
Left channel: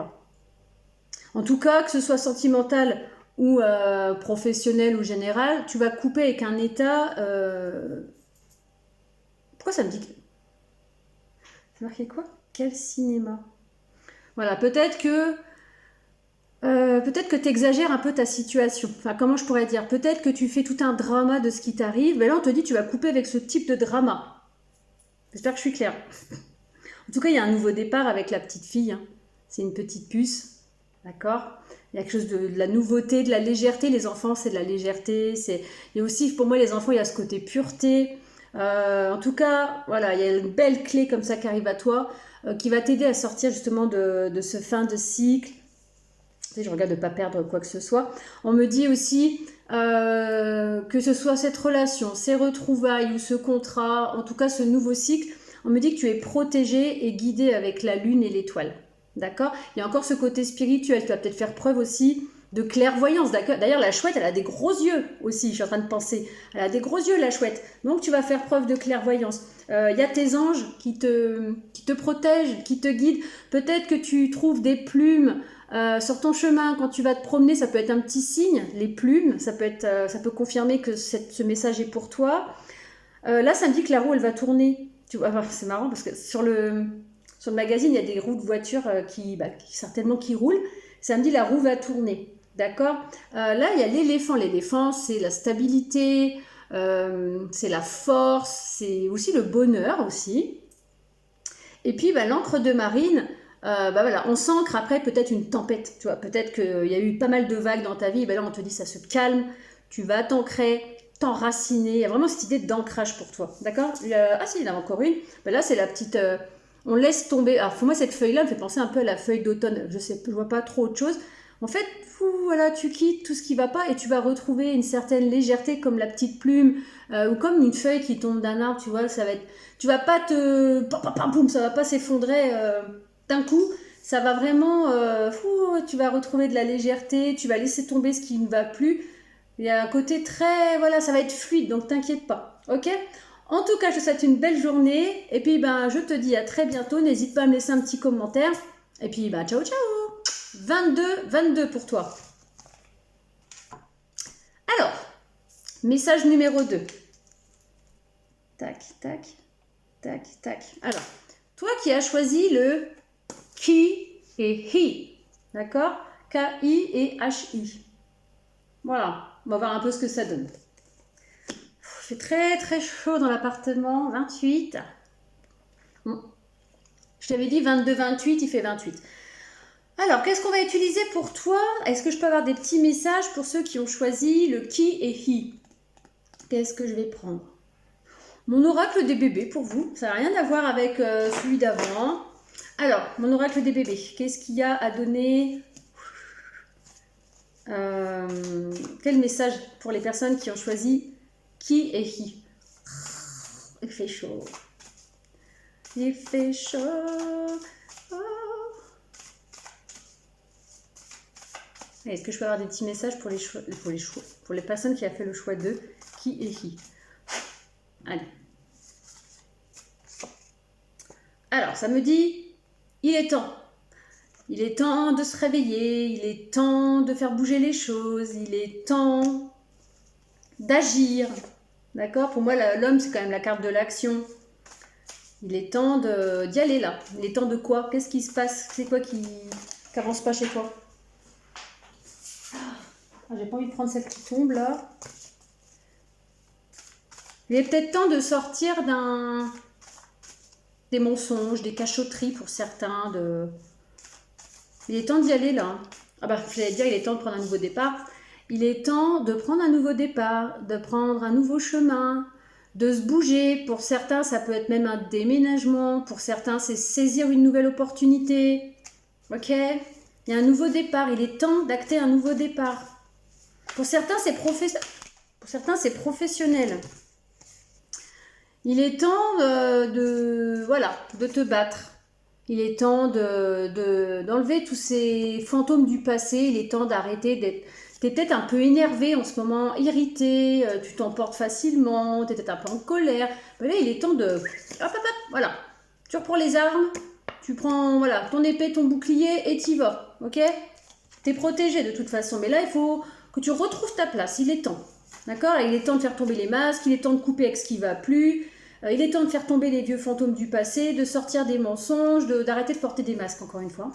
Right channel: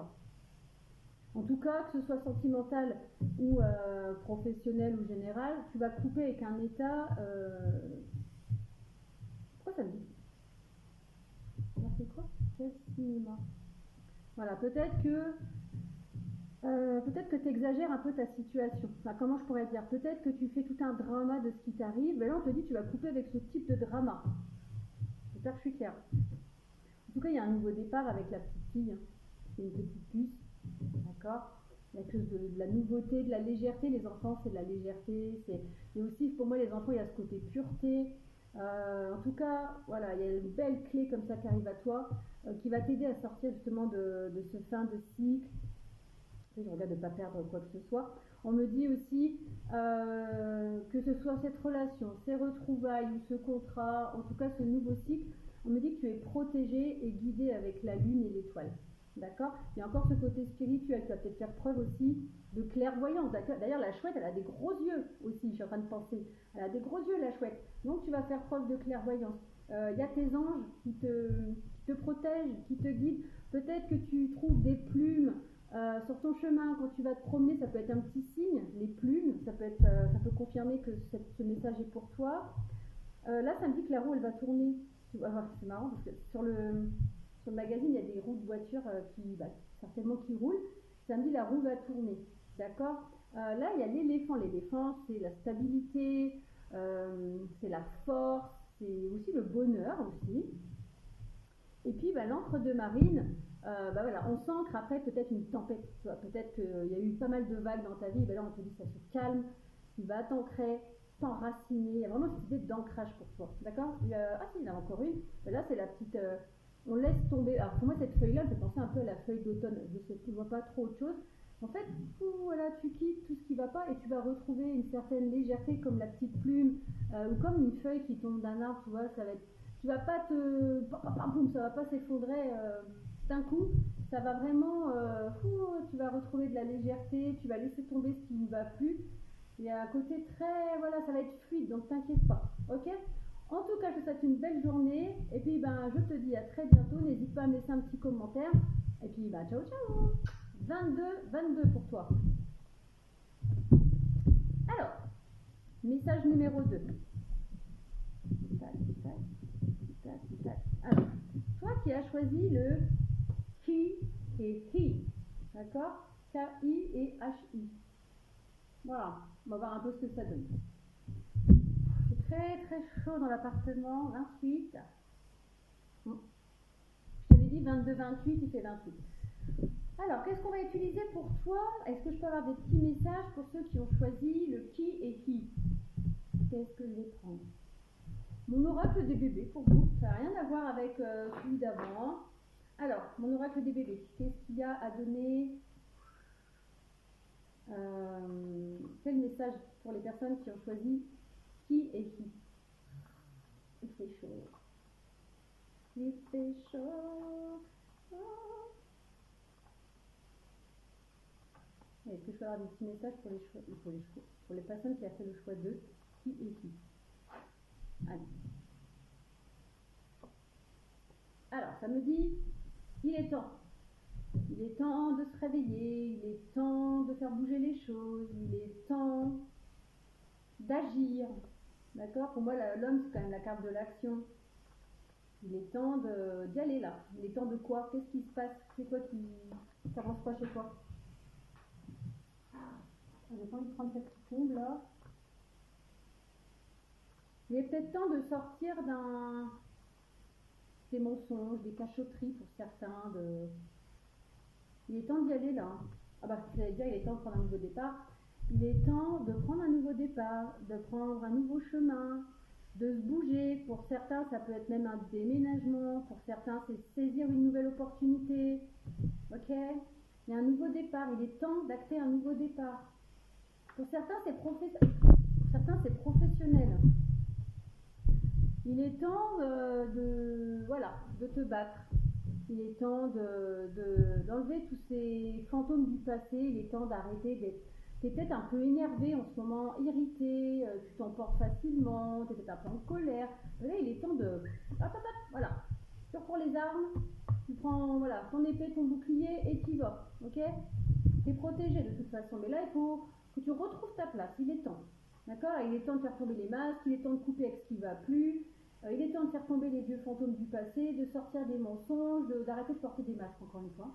En tout cas, que ce soit sentimental ou professionnel ou général, tu vas couper avec un état... Pourquoi ça me dit... C'est marqué quoi? Quel cinéma? Voilà, peut-être que tu exagères un peu ta situation. Enfin, comment je pourrais dire? Peut-être que tu fais tout un drama de ce qui t'arrive. Mais là, on te dit tu vas couper avec ce type de drama. J'espère que je suis claire. En tout cas, il y a un nouveau départ avec la petite fille. Hein. C'est une petite puce. D'accord? Il y a quelque chose de la nouveauté, de la légèreté. Les enfants, c'est de la légèreté. Il y a aussi, pour moi, les enfants, il y a ce côté pureté. En tout cas, voilà, il y a une belle clé comme ça qui arrive à toi, qui va t'aider à sortir justement de ce fin de cycle. Je regarde de ne pas perdre quoi que ce soit. On me dit aussi que ce soit cette relation, ces retrouvailles ou ce contrat, en tout cas ce nouveau cycle, on me dit que tu es protégé et guidé avec la lune et l'étoile. D'accord? Il y a encore ce côté spirituel. Tu vas peut-être faire preuve aussi de clairvoyance. D'ailleurs, la chouette, elle a des gros yeux aussi, je suis en train de penser. Elle a des gros yeux, la chouette. Donc, tu vas faire preuve de clairvoyance. Il y a tes anges qui te protègent, qui te guident. Peut-être que tu trouves des plumes sur ton chemin, quand tu vas te promener, ça peut être un petit signe, les plumes, ça peut confirmer que ce message est pour toi. Là, ça me dit que la roue, elle va tourner. Tu vois, c'est marrant parce que sur le magazine, il y a des roues de voiture certainement qui roulent. Ça me dit la roue va tourner. D'accord? Là, il y a l'éléphant. L'éléphant, c'est la stabilité, c'est la force, c'est aussi le bonheur aussi. Et puis, l'encre de marine, voilà, on s'ancre après peut-être une tempête. Tu vois, peut-être qu'il y a eu pas mal de vagues dans ta vie. Et là, on te dit ça se calme. Tu vas t'ancrer, t'enraciner. Il y a vraiment cette idée d'ancrage pour toi. D'accord? Ah si, il y en a encore une. Là, c'est la petite... on laisse tomber. Alors, pour moi, cette feuille-là me fait penser un peu à la feuille d'automne. Je vois pas trop autre chose. En fait, voilà, tu quittes tout ce qui va pas et tu vas retrouver une certaine légèreté comme la petite plume ou comme une feuille qui tombe d'un arbre, tu vois, ça va être... Tu vas pas te... ça va pas s'effondrer d'un coup. Ça va vraiment... tu vas retrouver de la légèreté, tu vas laisser tomber ce qui ne va plus. Il y a un côté très... Voilà, ça va être fluide, donc t'inquiète pas. Ok ? En tout cas, je te souhaite une belle journée. Et puis, je te dis à très bientôt. N'hésite pas à me laisser un petit commentaire. Et puis, ciao, ciao. 22 pour toi. Alors, message numéro 2. Tac, tac, tac, tac. Alors, toi qui as choisi le qui et hi. D'accord? K-I et H-I. Voilà, on va voir un peu ce que ça donne. Il fait très très chaud dans l'appartement. 28. Je t'avais dit 22-28, il fait 28. Alors, qu'est-ce qu'on va utiliser pour toi? Est-ce que je peux avoir des petits messages pour ceux qui ont choisi le qui et hi? Qu'est-ce que je vais prendre? Mon oracle des bébés pour vous. Ça n'a rien à voir avec celui d'avant. Alors, mon oracle des bébés. Qu'est-ce qu'il y a à donner? Quel message pour les personnes qui ont choisi qui et hi? Il fait chaud. Il fait chaud. Oh. Est-ce que je peux avoir des petits messages pour les personnes qui ont fait le choix de qui et hi? Allez. Alors, ça me dit, il est temps. Il est temps de se réveiller, il est temps de faire bouger les choses, il est temps d'agir. D'accord? Pour moi, l'homme, c'est quand même la carte de l'action. Il est temps d'y aller là. Il est temps de quoi? Qu'est-ce qui se passe? C'est quoi qui n'avance pas chez toi? J'ai pas envie de prendre celle qui tombe là. Il est peut-être temps de sortir des mensonges, des cachotteries pour certains. Il est temps d'y aller là. J'allais dire, il est temps de prendre un nouveau départ. Il est temps de prendre un nouveau départ, de prendre un nouveau chemin, de se bouger. Pour certains, ça peut être même un déménagement. Pour certains, c'est saisir une nouvelle opportunité. Ok? Il y a un nouveau départ. Il est temps d'acter un nouveau départ. Pour certains, c'est professionnel. Il est temps de te battre. Il est temps d'enlever tous ces fantômes du passé. Il est temps d'arrêter d'être... Tu es peut-être un peu énervé en ce moment, irrité, tu t'emportes facilement, tu es peut-être un peu en colère. Mais là, il est temps de... Voilà. Tu reprends les armes, tu prends ton épée, ton bouclier et t'y vas. Ok? Tu es protégé de toute façon. Mais là, il faut que tu retrouves ta place. Il est temps. D'accord? Il est temps de faire tomber les masques. Il est temps de couper avec ce qui ne va plus. Il est temps de faire tomber les vieux fantômes du passé, de sortir des mensonges, d'arrêter de porter des masques, encore une fois.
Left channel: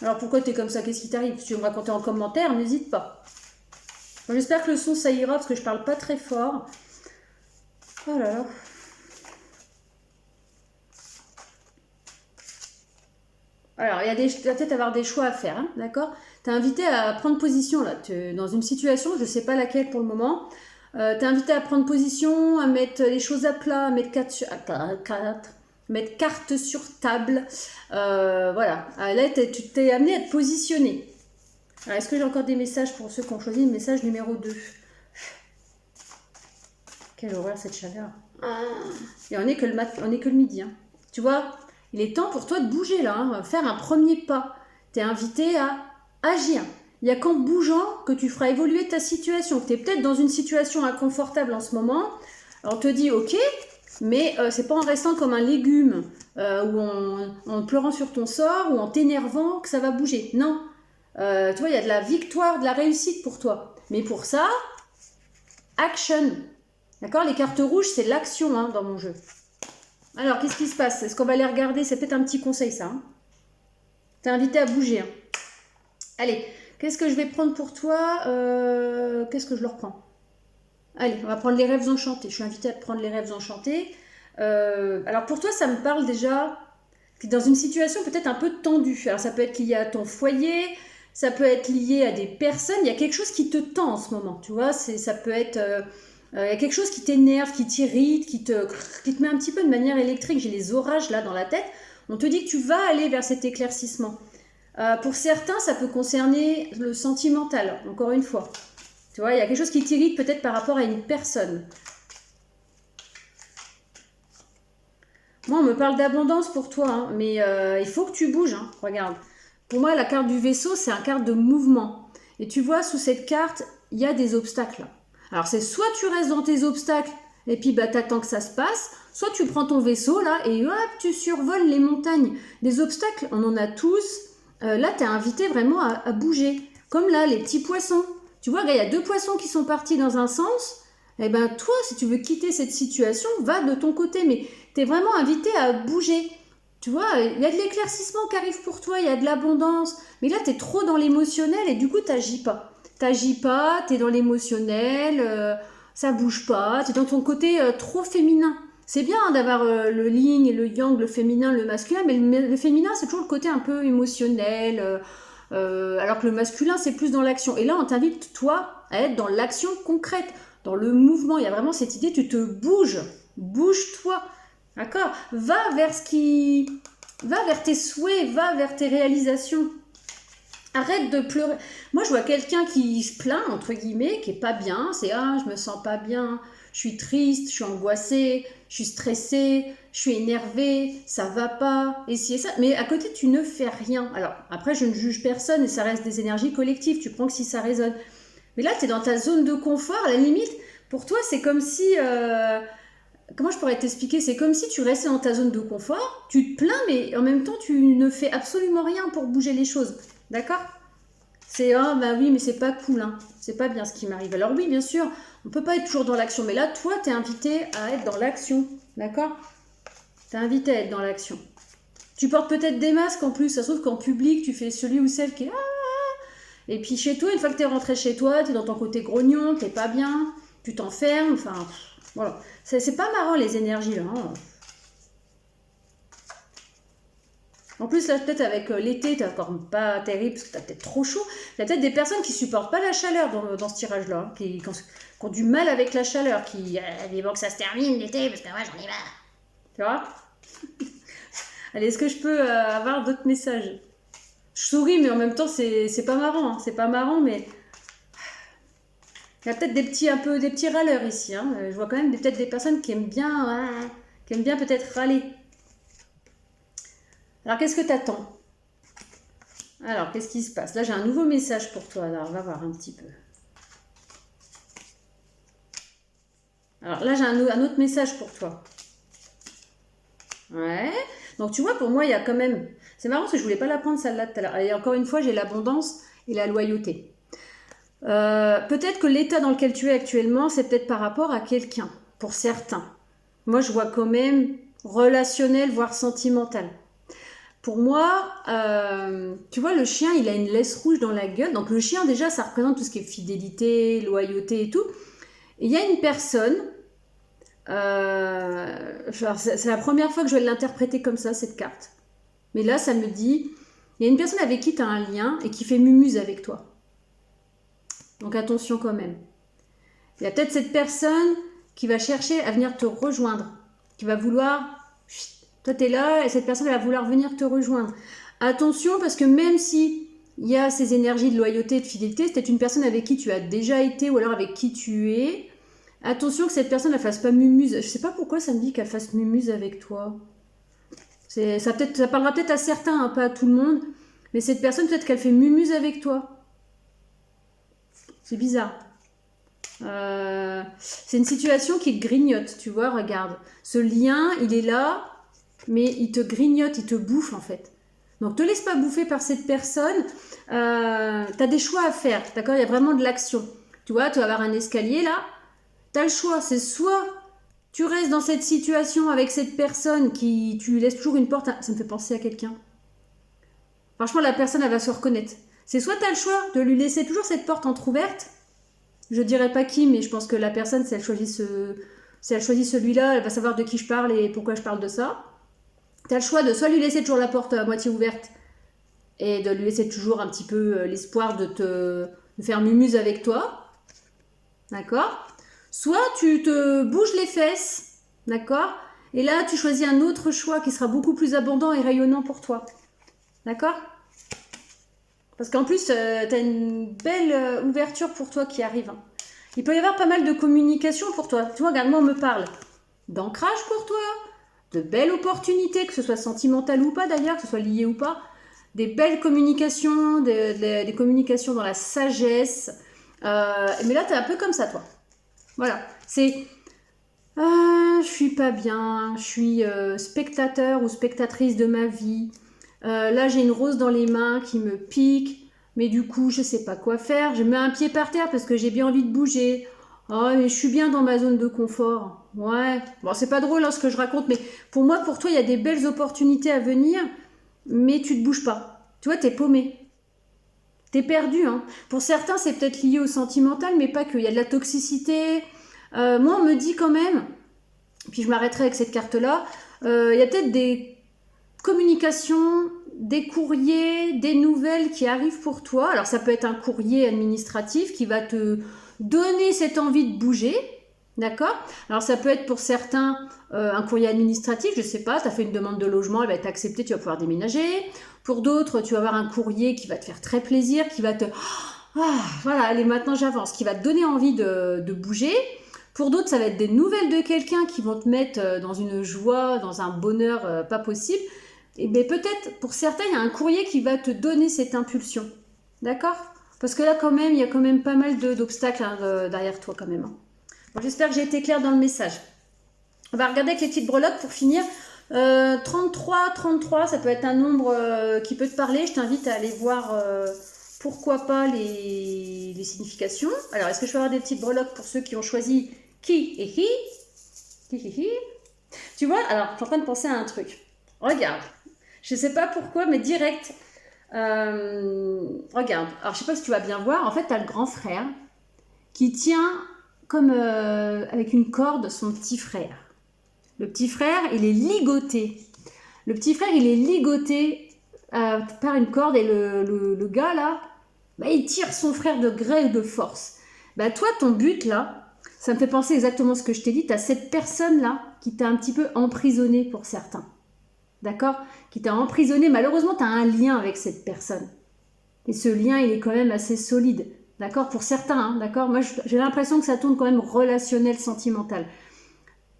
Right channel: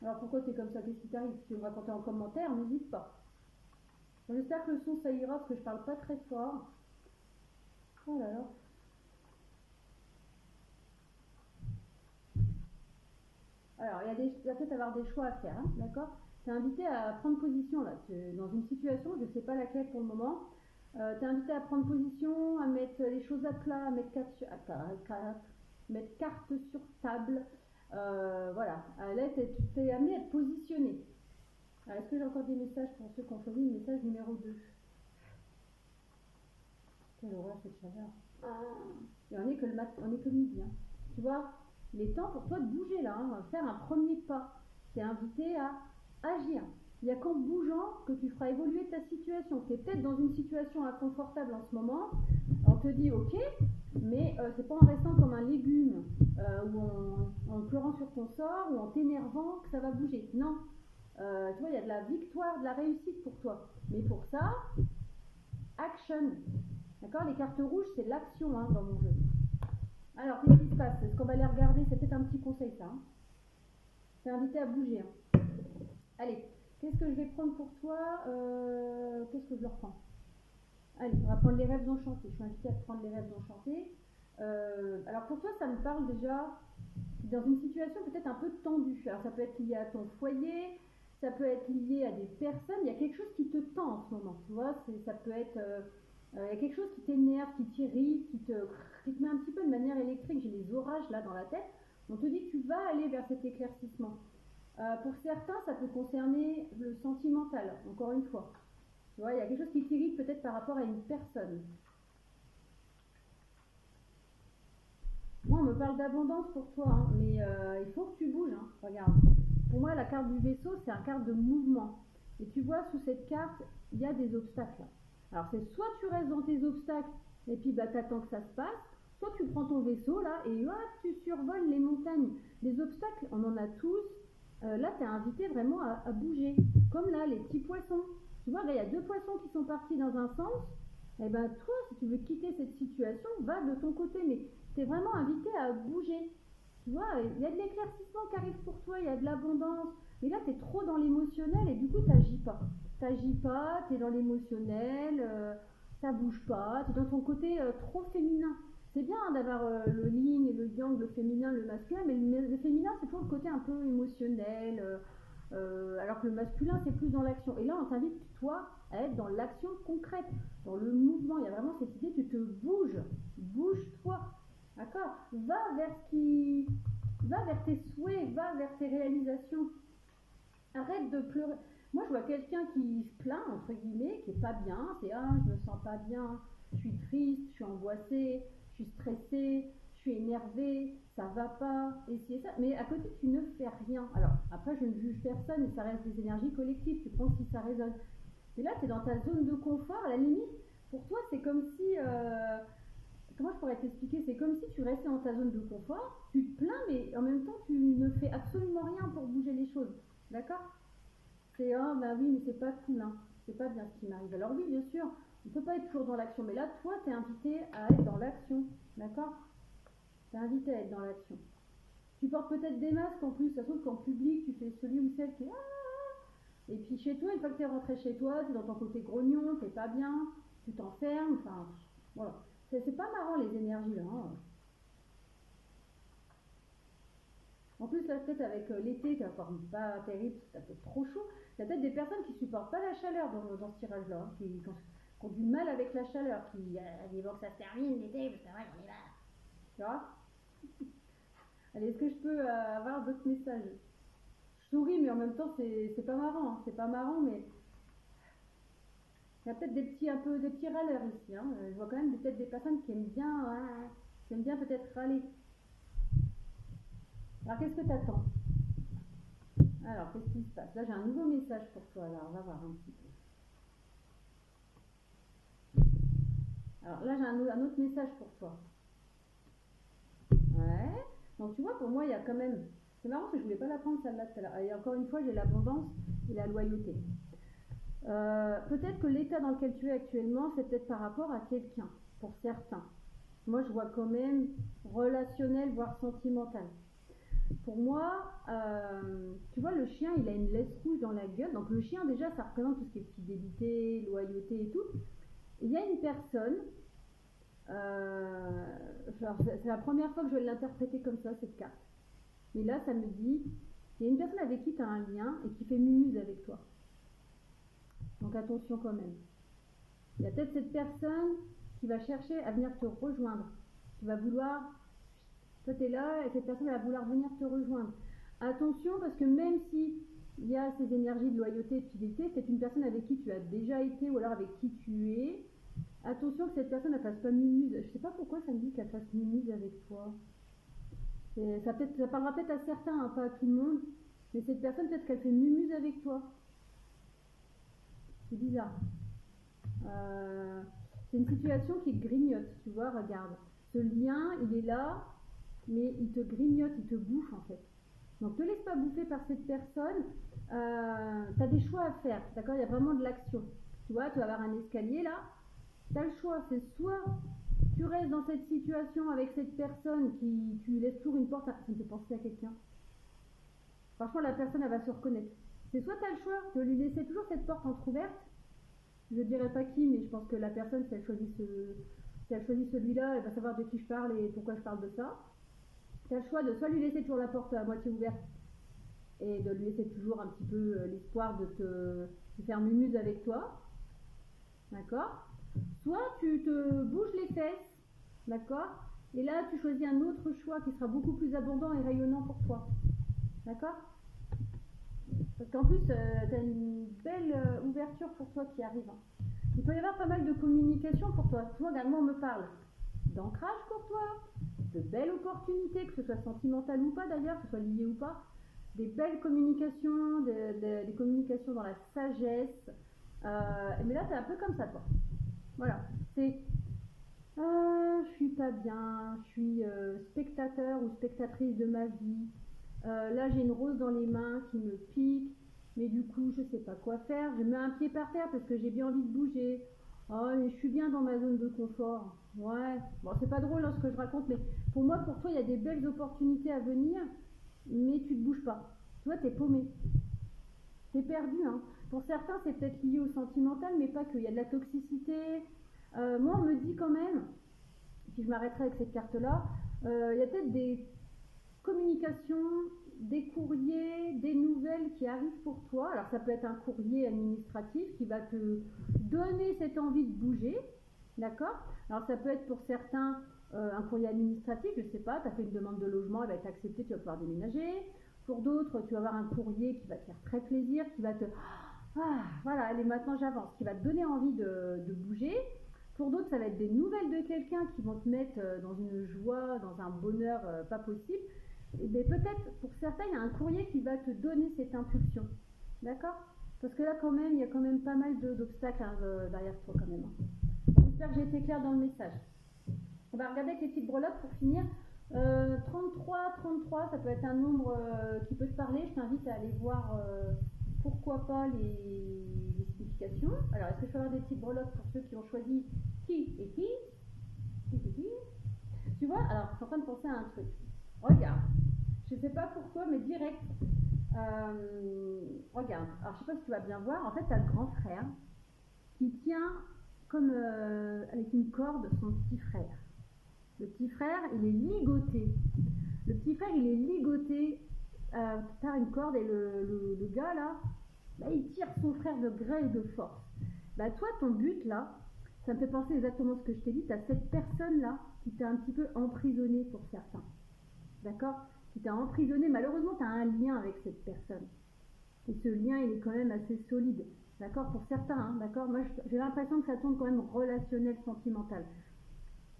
Alors pourquoi tu es comme ça? Qu'est-ce qui t'arrive? Si tu veux me raconter en commentaire, n'hésite pas. Bon, j'espère que le son, ça ira, parce que je parle pas très fort. Oh là là. Alors, tu vas peut-être avoir des choix à faire, hein, d'accord? Tu es invité à prendre position, là, dans une situation, je ne sais pas laquelle pour le moment. Tu es invité à prendre position, à mettre les choses à plat, à mettre carte sur table. Voilà. Là, tu t'es amené à te positionner. Alors, est-ce que j'ai encore des messages pour ceux qui ont choisi le message numéro 2? Quelle horreur cette chaleur. Et on est que le midi. Hein. Tu vois, il est temps pour toi de bouger là, hein, faire un premier pas. Tu es invité à agir. Il n'y a qu'en bougeant que tu feras évoluer ta situation. Tu es peut-être dans une situation inconfortable en ce moment. On te dit ok, mais c'est pas en restant comme un légume ou en pleurant sur ton sort ou en t'énervant que ça va bouger. Non. Tu vois, il y a de la victoire, de la réussite pour toi. Mais pour ça, action. D'accord? Les cartes rouges, c'est l'action hein, dans mon jeu. Alors, qu'est-ce qui se passe? Est-ce qu'on va les regarder? C'est peut-être un petit conseil, ça. Hein. T'es invité à bouger. Hein. Allez, qu'est-ce que je vais prendre pour toi? Qu'est-ce que je leur prends? Allez, on va prendre les rêves enchantés. Je suis invitée à te prendre les rêves enchantés. Alors, pour toi, ça me parle déjà dans une situation peut-être un peu tendue. Alors, ça peut être lié à ton foyer, ça peut être lié à des personnes. Il y a quelque chose qui te tend en ce moment, tu vois. Ça peut être... il y a quelque chose qui t'énerve, qui t'irrite, qui te met un petit peu de manière électrique. J'ai les orages là dans la tête. On te dit que tu vas aller vers cet éclaircissement. Pour certains, ça peut concerner le sentimental, encore une fois. Tu vois, il y a quelque chose qui t'irrite peut-être par rapport à une personne. Moi, on me parle d'abondance pour toi, hein, mais il faut que tu bouges. Hein, regarde. Pour moi, la carte du vaisseau, c'est une carte de mouvement. Et tu vois, sous cette carte, il y a des obstacles. Alors, c'est soit tu restes dans tes obstacles et puis bah, t'attends que ça se passe, soit tu prends ton vaisseau là et hop, tu survoles les montagnes. Des obstacles, on en a tous. Là, tu es invité vraiment à bouger. Comme là, les petits poissons. Tu vois, il y a 2 poissons qui sont partis dans un sens. Eh bien, toi, si tu veux quitter cette situation, va de ton côté. Mais tu es vraiment invité à bouger. Tu vois, il y a de l'éclaircissement qui arrive pour toi, il y a de l'abondance. Mais là, tu es trop dans l'émotionnel et du coup, tu n'agis pas. T'agis pas, t'es dans l'émotionnel, ça bouge pas, t'es dans ton côté trop féminin. C'est bien hein, d'avoir le yin et le yang, le féminin, le masculin, mais le féminin c'est toujours le côté un peu émotionnel, alors que le masculin c'est plus dans l'action. Et là on t'invite toi à être dans l'action concrète, dans le mouvement. Il y a vraiment cette idée, tu te bouges, bouge-toi, d'accord? Va vers tes souhaits, va vers tes réalisations. Arrête de pleurer. Moi, je vois quelqu'un qui se plaint, entre guillemets, qui est pas bien. C'est « Ah, je me sens pas bien, je suis triste, je suis angoissée, je suis stressée, je suis énervée, ça va pas, et si et ça. » Mais à côté, tu ne fais rien. Alors, après, je ne juge personne et ça reste des énergies collectives. Tu prends que si ça résonne. Mais là, tu es dans ta zone de confort. À la limite, pour toi, c'est comme si... comment je pourrais t'expliquer? C'est comme si tu restais dans ta zone de confort, tu te plains, mais en même temps, tu ne fais absolument rien pour bouger les choses. D'accord? C'est ah bah oui mais c'est pas cool hein. C'est pas bien ce qui m'arrive. Alors oui bien sûr on peut pas être toujours dans l'action mais là toi t'es invité à être dans l'action. D'accord? T'es invité à être dans l'action. Tu portes peut-être des masques en plus. Ça se trouve qu'en public tu fais celui ou celle qui est et puis chez toi une fois que t'es rentré chez toi t'es dans ton côté grognon, t'es pas bien, tu t'enfermes. Enfin voilà. C'est pas marrant les énergies là. Hein. En plus, là, peut-être avec l'été, t'es encore pas terrible parce que t'as peut-être trop chaud. Il y a peut-être des personnes qui supportent pas la chaleur dans ce tirage-là, hein, qui ont du mal avec la chaleur, qui bon que ça se termine l'été parce que moi j'en ai marre. Tu vois? Allez, est-ce que je peux avoir d'autres messages? Je souris, mais en même temps, c'est pas marrant. Hein. C'est pas marrant, mais il y a peut-être des petits râleurs ici. Hein. Je vois quand même peut-être des personnes qui aiment bien peut-être râler. Alors, qu'est-ce que tu attends? Alors, qu'est-ce qui se passe? Là, j'ai un nouveau message pour toi. Alors, on va voir un petit peu. Alors, là, j'ai un autre message pour toi. Ouais. Donc, tu vois, pour moi, il y a quand même... C'est marrant parce que je voulais pas la prendre celle-là tout à l'heure. Et encore une fois, j'ai l'abondance et la loyauté. Peut-être que l'état dans lequel tu es actuellement, c'est peut-être par rapport à quelqu'un, pour certains. Moi, je vois quand même relationnel, voire sentimental. Pour moi, tu vois, le chien, il a une laisse rouge dans la gueule. Donc le chien, déjà, ça représente tout ce qui est fidélité, loyauté et tout. Et il y a une personne, c'est la première fois que je vais l'interpréter comme ça, cette carte. Mais là, ça me dit, il y a une personne avec qui tu as un lien et qui fait mumuse avec toi. Donc attention quand même. Il y a peut-être cette personne qui va chercher à venir te rejoindre, qui va vouloir... Toi, tu es là et cette personne elle va vouloir venir te rejoindre. Attention parce que même si il y a ces énergies de loyauté et de fidélité, c'est peut-être une personne avec qui tu as déjà été ou alors avec qui tu es. Attention que cette personne ne fasse pas mumuse. Je sais pas pourquoi ça me dit qu'elle fasse mumuse avec toi. Ça parlera peut-être à certains, hein, pas à tout le monde. Mais cette personne, peut-être qu'elle fait mumuse avec toi. C'est bizarre. C'est une situation qui te grignote, tu vois, regarde. Ce lien, il est là, mais il te grignote, il te bouffe en fait. Donc, te laisse pas bouffer par cette personne. Tu as des choix à faire, d'accord? Il y a vraiment de l'action. Tu vois, tu vas avoir un escalier là. Tu as le choix, c'est soit tu restes dans cette situation avec cette personne qui tu lui laisses toujours une porte. Ça me fait penser à quelqu'un. Franchement, la personne, elle va se reconnaître. C'est soit tu as le choix de lui laisser toujours cette porte entrouverte. Je dirais pas qui, mais je pense que la personne, si elle choisit celui-là, elle va savoir de qui je parle et pourquoi je parle de ça. Tu as le choix de soit lui laisser toujours la porte à moitié ouverte et de lui laisser toujours un petit peu l'espoir de faire mumuse avec toi. D'accord? Soit tu te bouges les fesses, d'accord? Et là, tu choisis un autre choix qui sera beaucoup plus abondant et rayonnant pour toi. D'accord? Parce qu'en plus, tu as une belle ouverture pour toi qui arrive. Hein. Il peut y avoir pas mal de communication pour toi. Tu vois, regarde, moi, on me parle d'ancrage pour toi, de belles opportunités, que ce soit sentimental ou pas d'ailleurs, que ce soit lié ou pas, des belles communications, des communications dans la sagesse. Mais là, tu es un peu comme ça, toi. Voilà, c'est je suis pas bien, je suis spectateur ou spectatrice de ma vie. Là, j'ai une rose dans les mains qui me pique, mais du coup, je sais pas quoi faire. Je mets un pied par terre parce que j'ai bien envie de bouger. Oh, mais je suis bien dans ma zone de confort. Ouais, bon, c'est pas drôle hein, ce que je raconte, mais pour moi, pour toi, il y a des belles opportunités à venir, mais tu te bouges pas. Tu vois, t'es paumé. T'es perdu. Hein. Pour certains, c'est peut-être lié au sentimental, mais pas que. Il y a de la toxicité. Moi, on me dit quand même, puis je m'arrêterai avec cette carte-là, il y a peut-être des communications, des courriers, des nouvelles qui arrivent pour toi. Alors, ça peut être un courrier administratif qui va te donner cette envie de bouger. D'accord? Alors, ça peut être pour certains un courrier administratif, je sais pas, tu as fait une demande de logement, elle va être acceptée, tu vas pouvoir déménager. Pour d'autres, tu vas avoir un courrier qui va te faire très plaisir, qui va te... voilà, allez, maintenant j'avance, qui va te donner envie de bouger. Pour d'autres, ça va être des nouvelles de quelqu'un qui vont te mettre dans une joie, dans un bonheur pas possible. Et bien peut-être, pour certains, il y a un courrier qui va te donner cette impulsion. D'accord? Parce que là, quand même, il y a quand même pas mal d'obstacles hein, derrière toi, quand même. Bon, j'espère que j'ai été claire dans le message. On va regarder avec les petites breloques pour finir. 33, ça peut être un nombre qui peut te parler. Je t'invite à aller voir, pourquoi pas, les significations. Alors, est-ce que je peux avoir des petites breloques pour ceux qui ont choisi qui et hi? Tu vois, alors, je suis en train de penser à un truc. Regarde. Je ne sais pas pourquoi, mais direct. Regarde. Alors, je ne sais pas si tu vas bien voir. En fait, tu as le grand frère qui tient comme avec une corde son petit frère. Le petit frère, il est ligoté. Le petit frère, il est ligoté par une corde et le gars, là, bah, il tire son frère de gré et de force. Bah, toi, ton but, là, ça me fait penser exactement ce que je t'ai dit. Tu as cette personne-là qui t'a un petit peu emprisonné pour certains. D'accord? Qui t'a emprisonné. Malheureusement, tu as un lien avec cette personne. Et ce lien, il est quand même assez solide. D'accord? Pour certains, hein, d'accord? Moi, j'ai l'impression que ça tourne quand même relationnel, sentimental.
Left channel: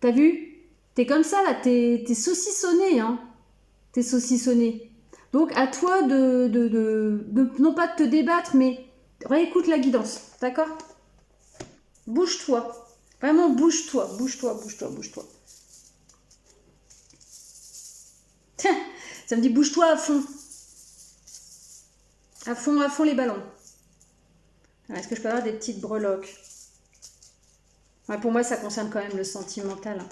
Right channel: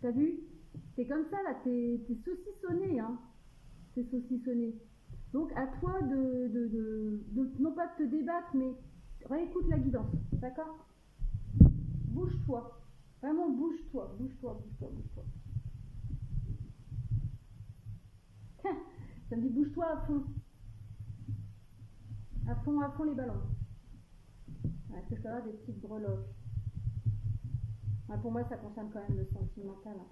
T'as vu? T'es comme ça, là. T'es saucissonné, hein? T'es saucissonné. Donc, à toi de non pas de te débattre, mais réécoute la guidance. D'accord? Bouge-toi. Vraiment, bouge-toi. Bouge-toi. Ça me dit bouge-toi à fond. À fond les ballons. Est-ce que je peux avoir des petites breloques? Ouais, pour moi, ça concerne quand même le sentimental.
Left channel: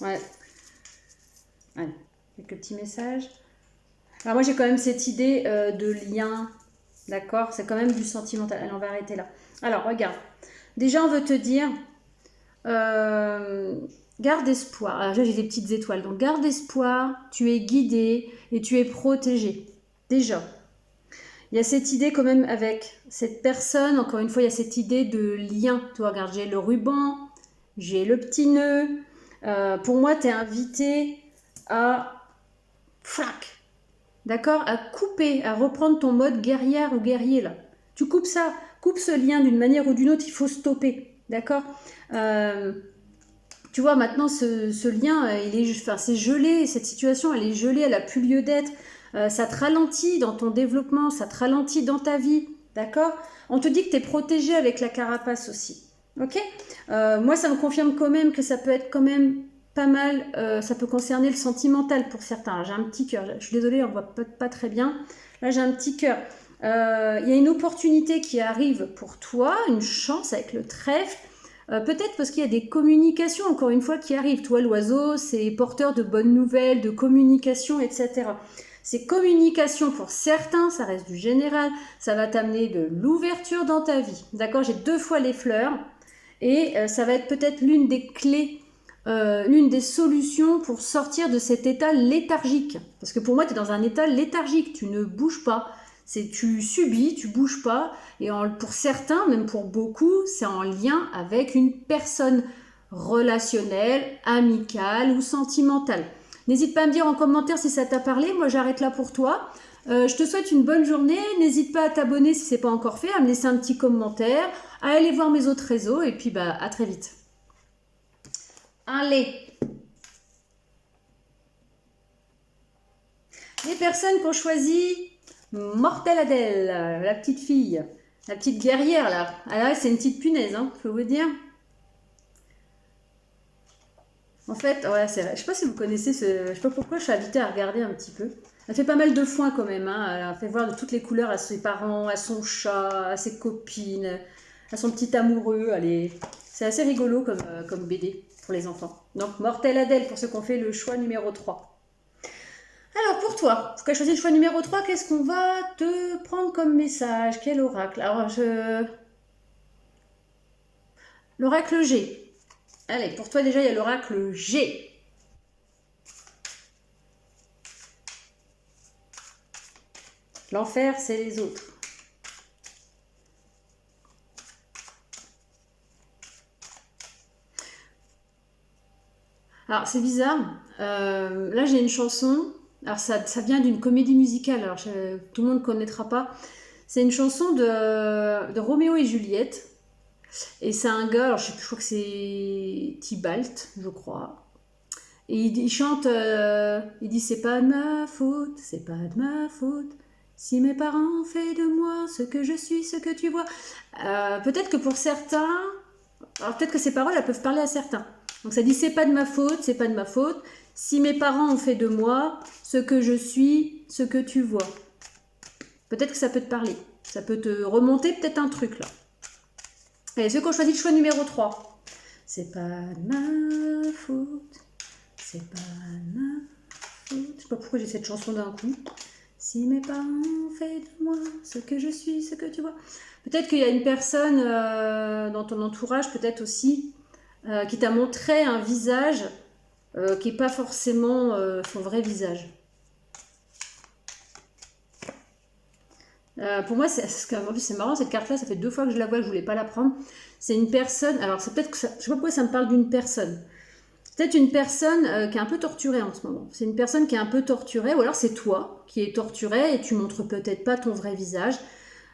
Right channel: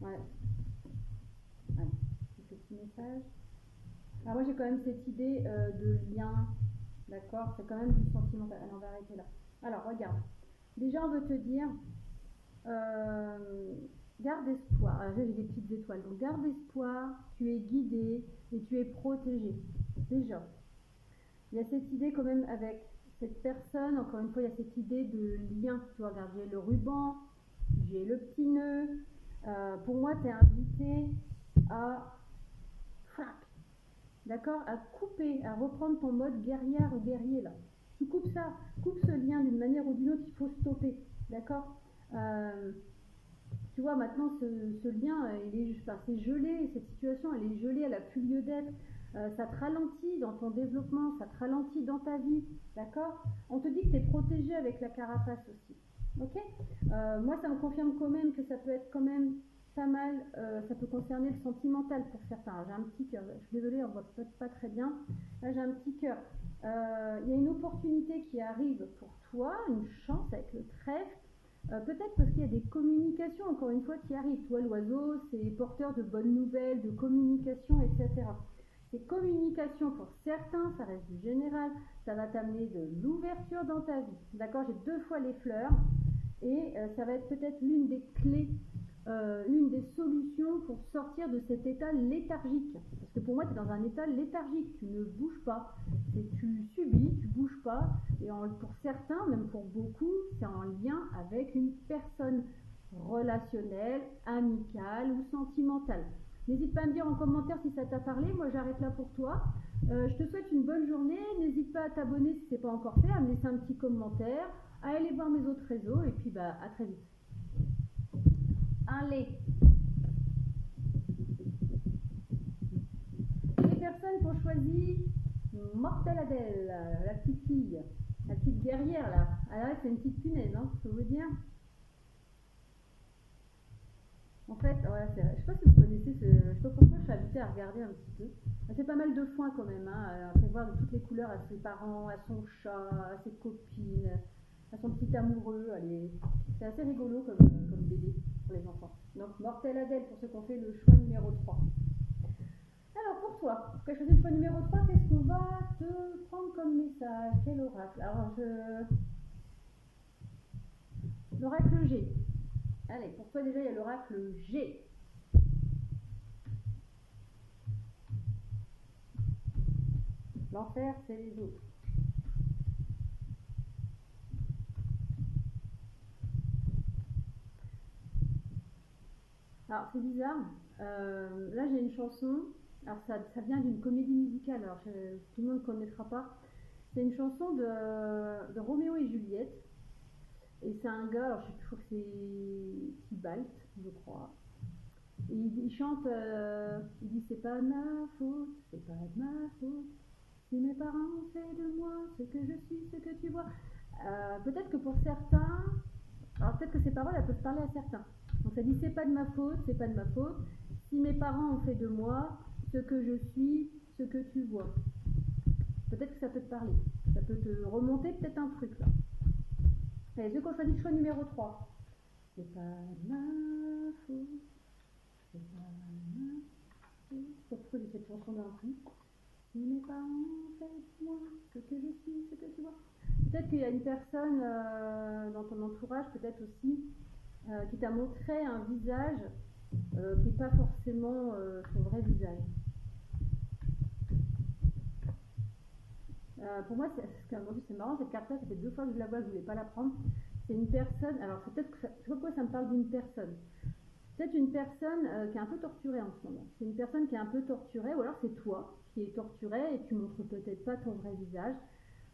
Ouais. Ouais. Quelques petits messages. Alors moi, j'ai quand même cette idée de lien. D'accord? C'est quand même du sentimental. Allez, on va arrêter là. Alors, regarde. Déjà, on veut te dire... garde espoir. Alors, j'ai des petites étoiles. Donc, garde espoir. Tu es guidé et tu es protégé. Déjà. Il y a cette idée quand même avec cette personne. Encore une fois, il y a cette idée de lien. Tu vois, regarde, j'ai le ruban. J'ai le petit nœud. Pour moi, tu es invité à... Flac. D'accord? À couper, à reprendre ton mode guerrière ou guerrier là. Tu coupes ça, coupe ce lien d'une manière ou d'une autre, il faut stopper. D'accord? Tu vois, maintenant ce lien, c'est gelé, cette situation, elle est gelée, elle n'a plus lieu d'être. Ça te ralentit dans ton développement, ça te ralentit dans ta vie. D'accord? On te dit que tu es protégé avec la carapace aussi. Ok? Moi, ça me confirme quand même que ça peut être quand même pas mal, ça peut concerner le sentimental pour certains. J'ai un petit cœur, je suis désolée, on voit pas très bien. Là, j'ai un petit cœur. Il y a une opportunité qui arrive pour toi, une chance avec le trèfle. Peut-être parce qu'il y a des communications, encore une fois, qui arrivent. Toi, l'oiseau, c'est porteur de bonnes nouvelles, de communication, etc. Ces communications, pour certains, ça reste du général. Ça va t'amener de l'ouverture dans ta vie. D'accord? J'ai 2 fois les fleurs. Et ça va être peut-être l'une des clés, l'une des solutions pour sortir de cet état léthargique. Parce que pour moi, tu es dans un état léthargique. Tu ne bouges pas. Tu subis, tu bouges pas. Et pour certains, même pour beaucoup, c'est en lien avec une personne relationnelle, amicale ou sentimentale. N'hésite pas à me dire en commentaire si ça t'a parlé. Moi, j'arrête là pour toi. Je te souhaite une bonne journée. N'hésite pas à t'abonner si ce n'est pas encore fait, à me laisser un petit commentaire, à aller voir mes autres réseaux. Et puis, à très vite. Allez. Les personnes qui ont choisi Mortelle Adèle, la petite fille, la petite guerrière là. Ah là, c'est une petite punaise, hein, je peux vous dire. En fait, ouais, c'est vrai. Je sais pas si vous connaissez je sais pas pourquoi je suis invitée à regarder un petit peu. Elle fait pas mal de foin quand même, hein. Elle fait voir de toutes les couleurs à ses parents, à son chat, à ses copines, à son petit amoureux. C'est assez rigolo comme BD pour les enfants. Donc, Mortelle Adèle pour ceux qui ont fait le choix numéro 3. Alors pour toi, tu as choisi le choix numéro 3, qu'est-ce qu'on va te prendre comme message? Quel oracle? Alors l'oracle G. Allez, pour toi déjà il y a l'oracle G. L'enfer c'est les autres. Alors c'est bizarre, là j'ai une chanson. Alors ça vient d'une comédie musicale, alors tout le monde ne connaîtra pas. C'est une chanson de Roméo et Juliette. Et c'est un gars, alors je crois que c'est Tybalt, je crois. Et il chante, il dit c'est pas de ma faute, c'est pas de ma faute. Si mes parents ont fait de moi ce que je suis, ce que tu vois. Peut-être que pour certains, alors peut-être que ces paroles elles peuvent parler à certains. Donc ça dit c'est pas de ma faute, c'est pas de ma faute. Si mes parents ont fait de moi ce que je suis, ce que tu vois. Peut-être que ça peut te parler. Ça peut te remonter peut-être un truc là. Et ceux qui ont choisi le choix numéro 3. C'est pas de ma faute. C'est pas de ma faute. Je sais pas pourquoi j'ai cette chanson d'un coup. Si mes parents ont fait de moi ce que je suis, ce que tu vois. Peut-être qu'il y a une personne dans ton entourage, peut-être aussi, qui t'a montré un visage qui n'est pas forcément son vrai visage. Pour moi, c'est marrant cette carte-là, ça fait 2 fois que je la vois, je ne voulais pas la prendre. C'est une personne, alors c'est peut-être que je ne sais pas pourquoi ça me parle d'une personne. Peut-être une personne qui est un peu torturée en ce moment. C'est une personne qui est un peu torturée, ou alors c'est toi qui es torturée et tu montres peut-être pas ton vrai visage.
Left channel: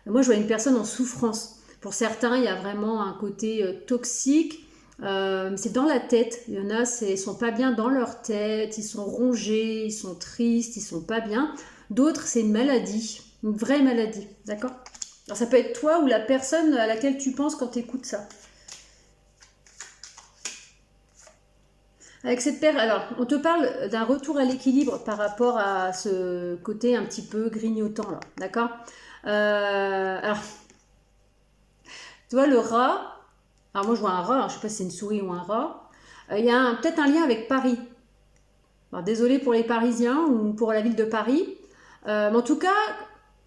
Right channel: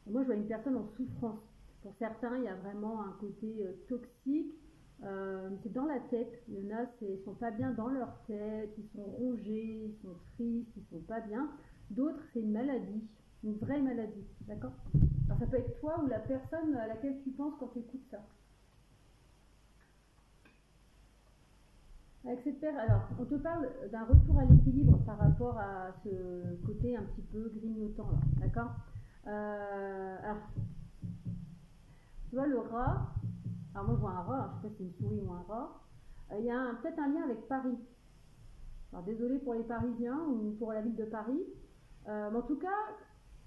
Moi, je vois une personne en souffrance. Pour certains, il y a vraiment un côté toxique. C'est dans la tête. Il y en a, ils sont pas bien dans leur tête, ils sont rongés, ils sont tristes, ils sont pas bien. D'autres, c'est une maladie, une vraie maladie, d'accord? Alors ça peut être toi ou la personne à laquelle tu penses quand tu écoutes ça. Avec cette paire, alors, on te parle d'un retour à l'équilibre par rapport à ce côté un petit peu grignotant, là, d'accord. Alors, tu vois, le rat, alors moi je vois un rat, hein, je sais pas si c'est une souris ou un rat, il y a peut-être un lien avec Paris. Alors, désolé pour les Parisiens ou pour la ville de Paris, mais en tout cas,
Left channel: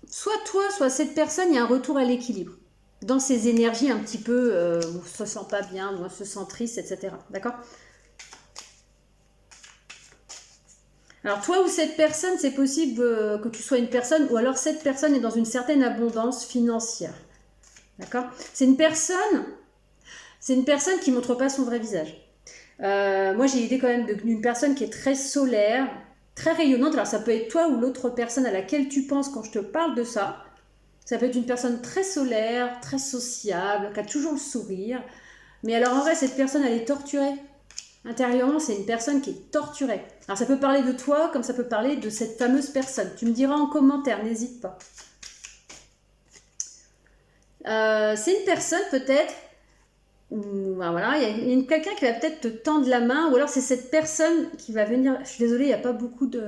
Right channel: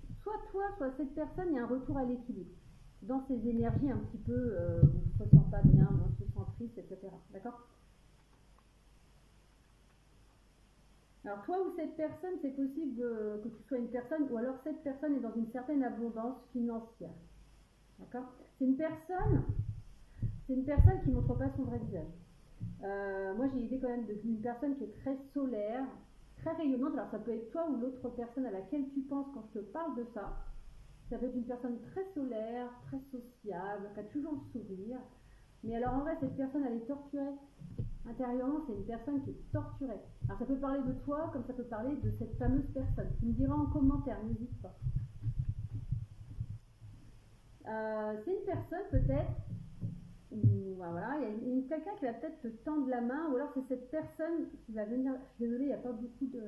soit toi, soit cette personne, il y a un retour à l'équilibre dans ces énergies un petit peu où on se sent pas bien, où on se sent triste, etc. D'accord. Alors toi ou cette personne, c'est possible que tu sois une personne, ou alors cette personne est dans une certaine abondance financière. D'accord. C'est une personne qui ne montre pas son vrai visage. Moi j'ai l'idée quand même d'une personne qui est très solaire, très rayonnante. Alors ça peut être toi ou l'autre personne à laquelle tu penses quand je te parle de ça. Ça peut être une personne très solaire, très sociable, qui a toujours le sourire. Mais alors en vrai, cette personne, elle est torturée. Intérieurement, c'est une personne qui est torturée. Alors ça peut parler de toi, comme ça peut parler de cette fameuse personne. Tu me diras en commentaire, n'hésite pas. C'est une personne peut-être, ben voilà, il y a quelqu'un qui va peut-être te tendre la main, ou alors c'est cette personne qui va venir, je suis désolée, il n'y a pas beaucoup de...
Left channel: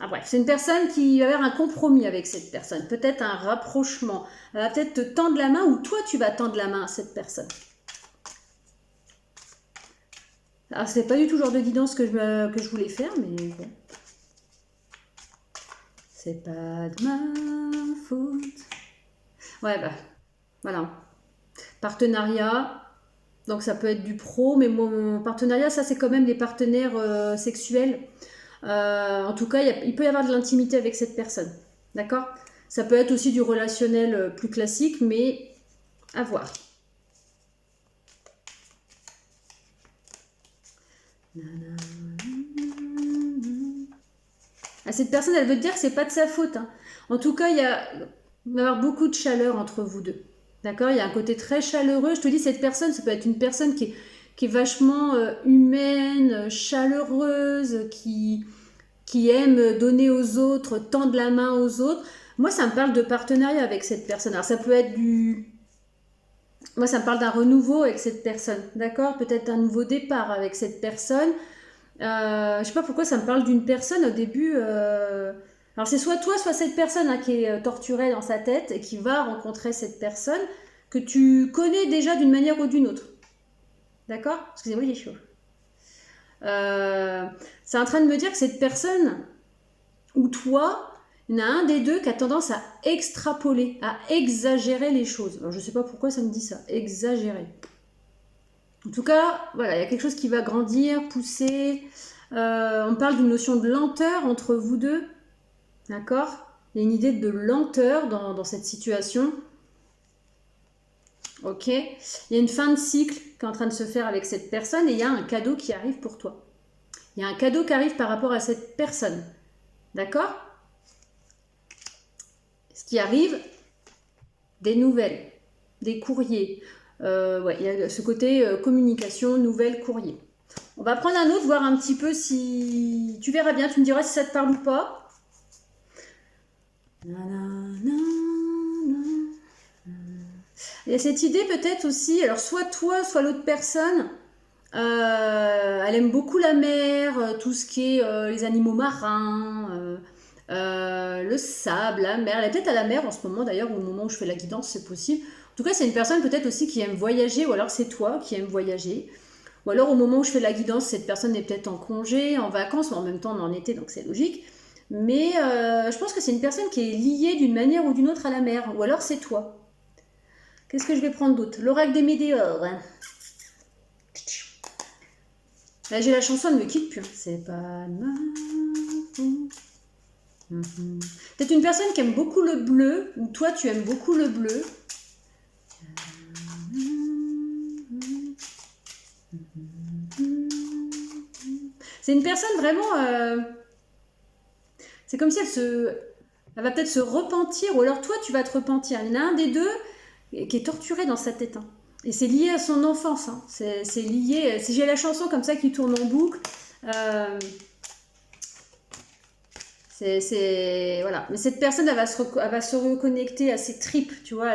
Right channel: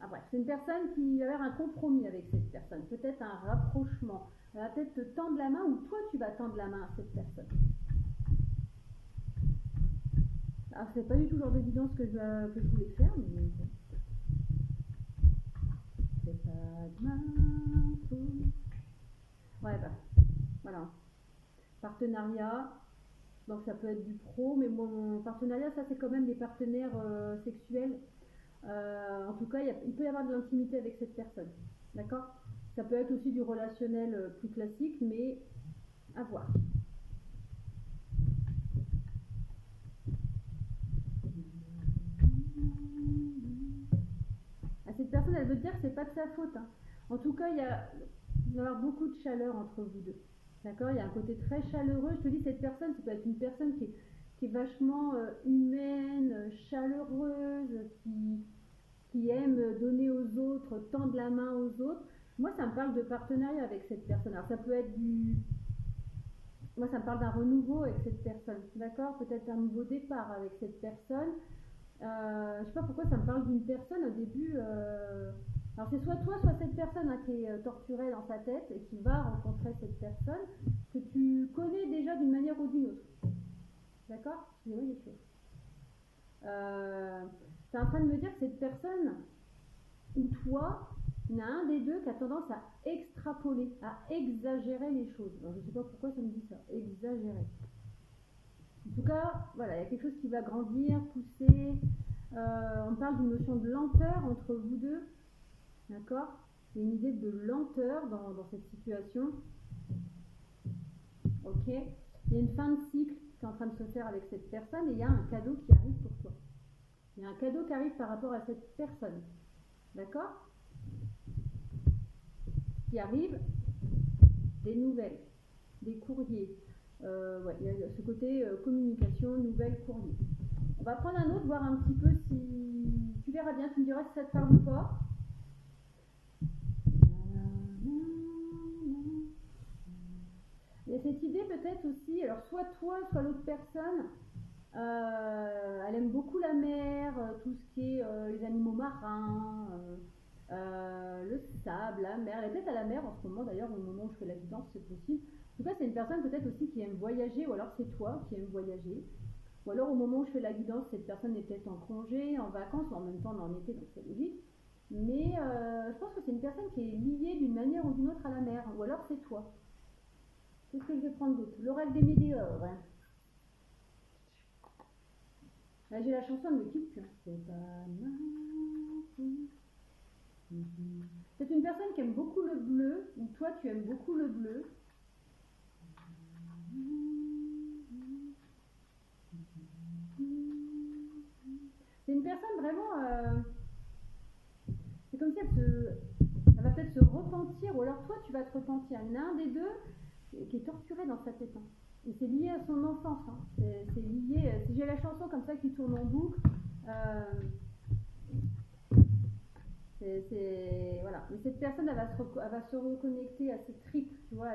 Ah bref, c'est une personne qui va avoir un compromis avec cette personne, peut-être un rapprochement. Elle va peut-être te tendre la main, ou toi tu vas tendre la main à cette personne. Alors c'est pas du tout le genre de guidance que je voulais faire, mais bon. C'est pas de ma faute. Ouais, bah, voilà. Partenariat, donc ça peut être du pro, mais mon partenariat, ça c'est quand même les partenaires sexuels. En tout cas, il peut y avoir de l'intimité avec cette personne. D'accord. Ça peut être aussi du relationnel plus classique, mais à voir. Ah, cette personne, elle veut te dire que c'est pas de sa faute. Hein. En tout cas, il va y avoir beaucoup de chaleur entre vous deux. D'accord. Il y a un côté très chaleureux. Je te dis, cette personne, ça peut être une personne qui est vachement humaine, chaleureuse, qui aime donner aux autres, tendre la main aux autres. Moi, ça me parle de partenariat avec cette personne. Alors, ça peut être Moi, ça me parle d'un renouveau avec cette personne. D'accord. Peut-être un nouveau départ avec cette personne. Je sais pas pourquoi ça me parle d'une personne au début. Alors c'est soit toi, soit cette personne hein, qui est torturée dans sa tête et qui va rencontrer cette personne que tu connais déjà d'une manière ou d'une autre. D'accord. Excusez-moi, il est chaud. C'est en train de me dire que cette personne ou toi, il y en a un des deux qui a tendance à extrapoler, à exagérer les choses. Alors je sais pas pourquoi ça me dit ça, exagérer. En tout cas, voilà, il y a quelque chose qui va grandir, pousser. On parle d'une notion de lenteur entre vous deux. D'accord. Il y a une idée de lenteur dans cette situation. Ok. Il y a une fin de cycle qui est en train de se faire avec cette personne et il y a un cadeau qui arrive pour toi. Il y a un cadeau qui arrive par rapport à cette personne. D'accord. Ce qui arrive, des nouvelles, des courriers. Ouais, il y a ce côté communication, nouvelles, courrier. On va prendre un autre, voir un petit peu si... Tu verras bien, tu me diras si ça te parle ou pas. Il y a cette idée peut-être aussi, alors soit toi, soit l'autre personne, elle aime beaucoup la mer, tout ce qui est les animaux marins, le sable, la mer. Elle est peut-être à la mer en ce moment d'ailleurs, au moment où je fais la guidance, c'est possible. En tout cas, c'est une personne peut-être aussi qui aime voyager, ou alors c'est toi qui aimes voyager. Ou alors au moment où je fais la guidance, cette personne est peut-être en congé, en vacances, mais en même temps on est en été, donc c'est logique. Mais je pense que c'est une personne qui est liée d'une manière ou d'une autre à la mer, ou alors c'est toi. Qu'est-ce que je vais prendre d'autre? L'oracle des météores. Là, j'ai la chanson, elle ne me quitte plus. C'est pas mal. Peut-être une personne qui aime beaucoup le bleu, ou toi tu aimes beaucoup le bleu. C'est une personne vraiment... c'est comme si elle va peut-être se repentir, ou alors toi tu vas te repentir. Il y en a un des deux qui est torturé dans sa tête. Hein. Et c'est lié à son enfance. Hein. C'est lié... Si j'ai la chanson comme ça qui tourne en boucle... voilà. Mais cette personne, elle va se reconnecter à ses tripes, tu vois.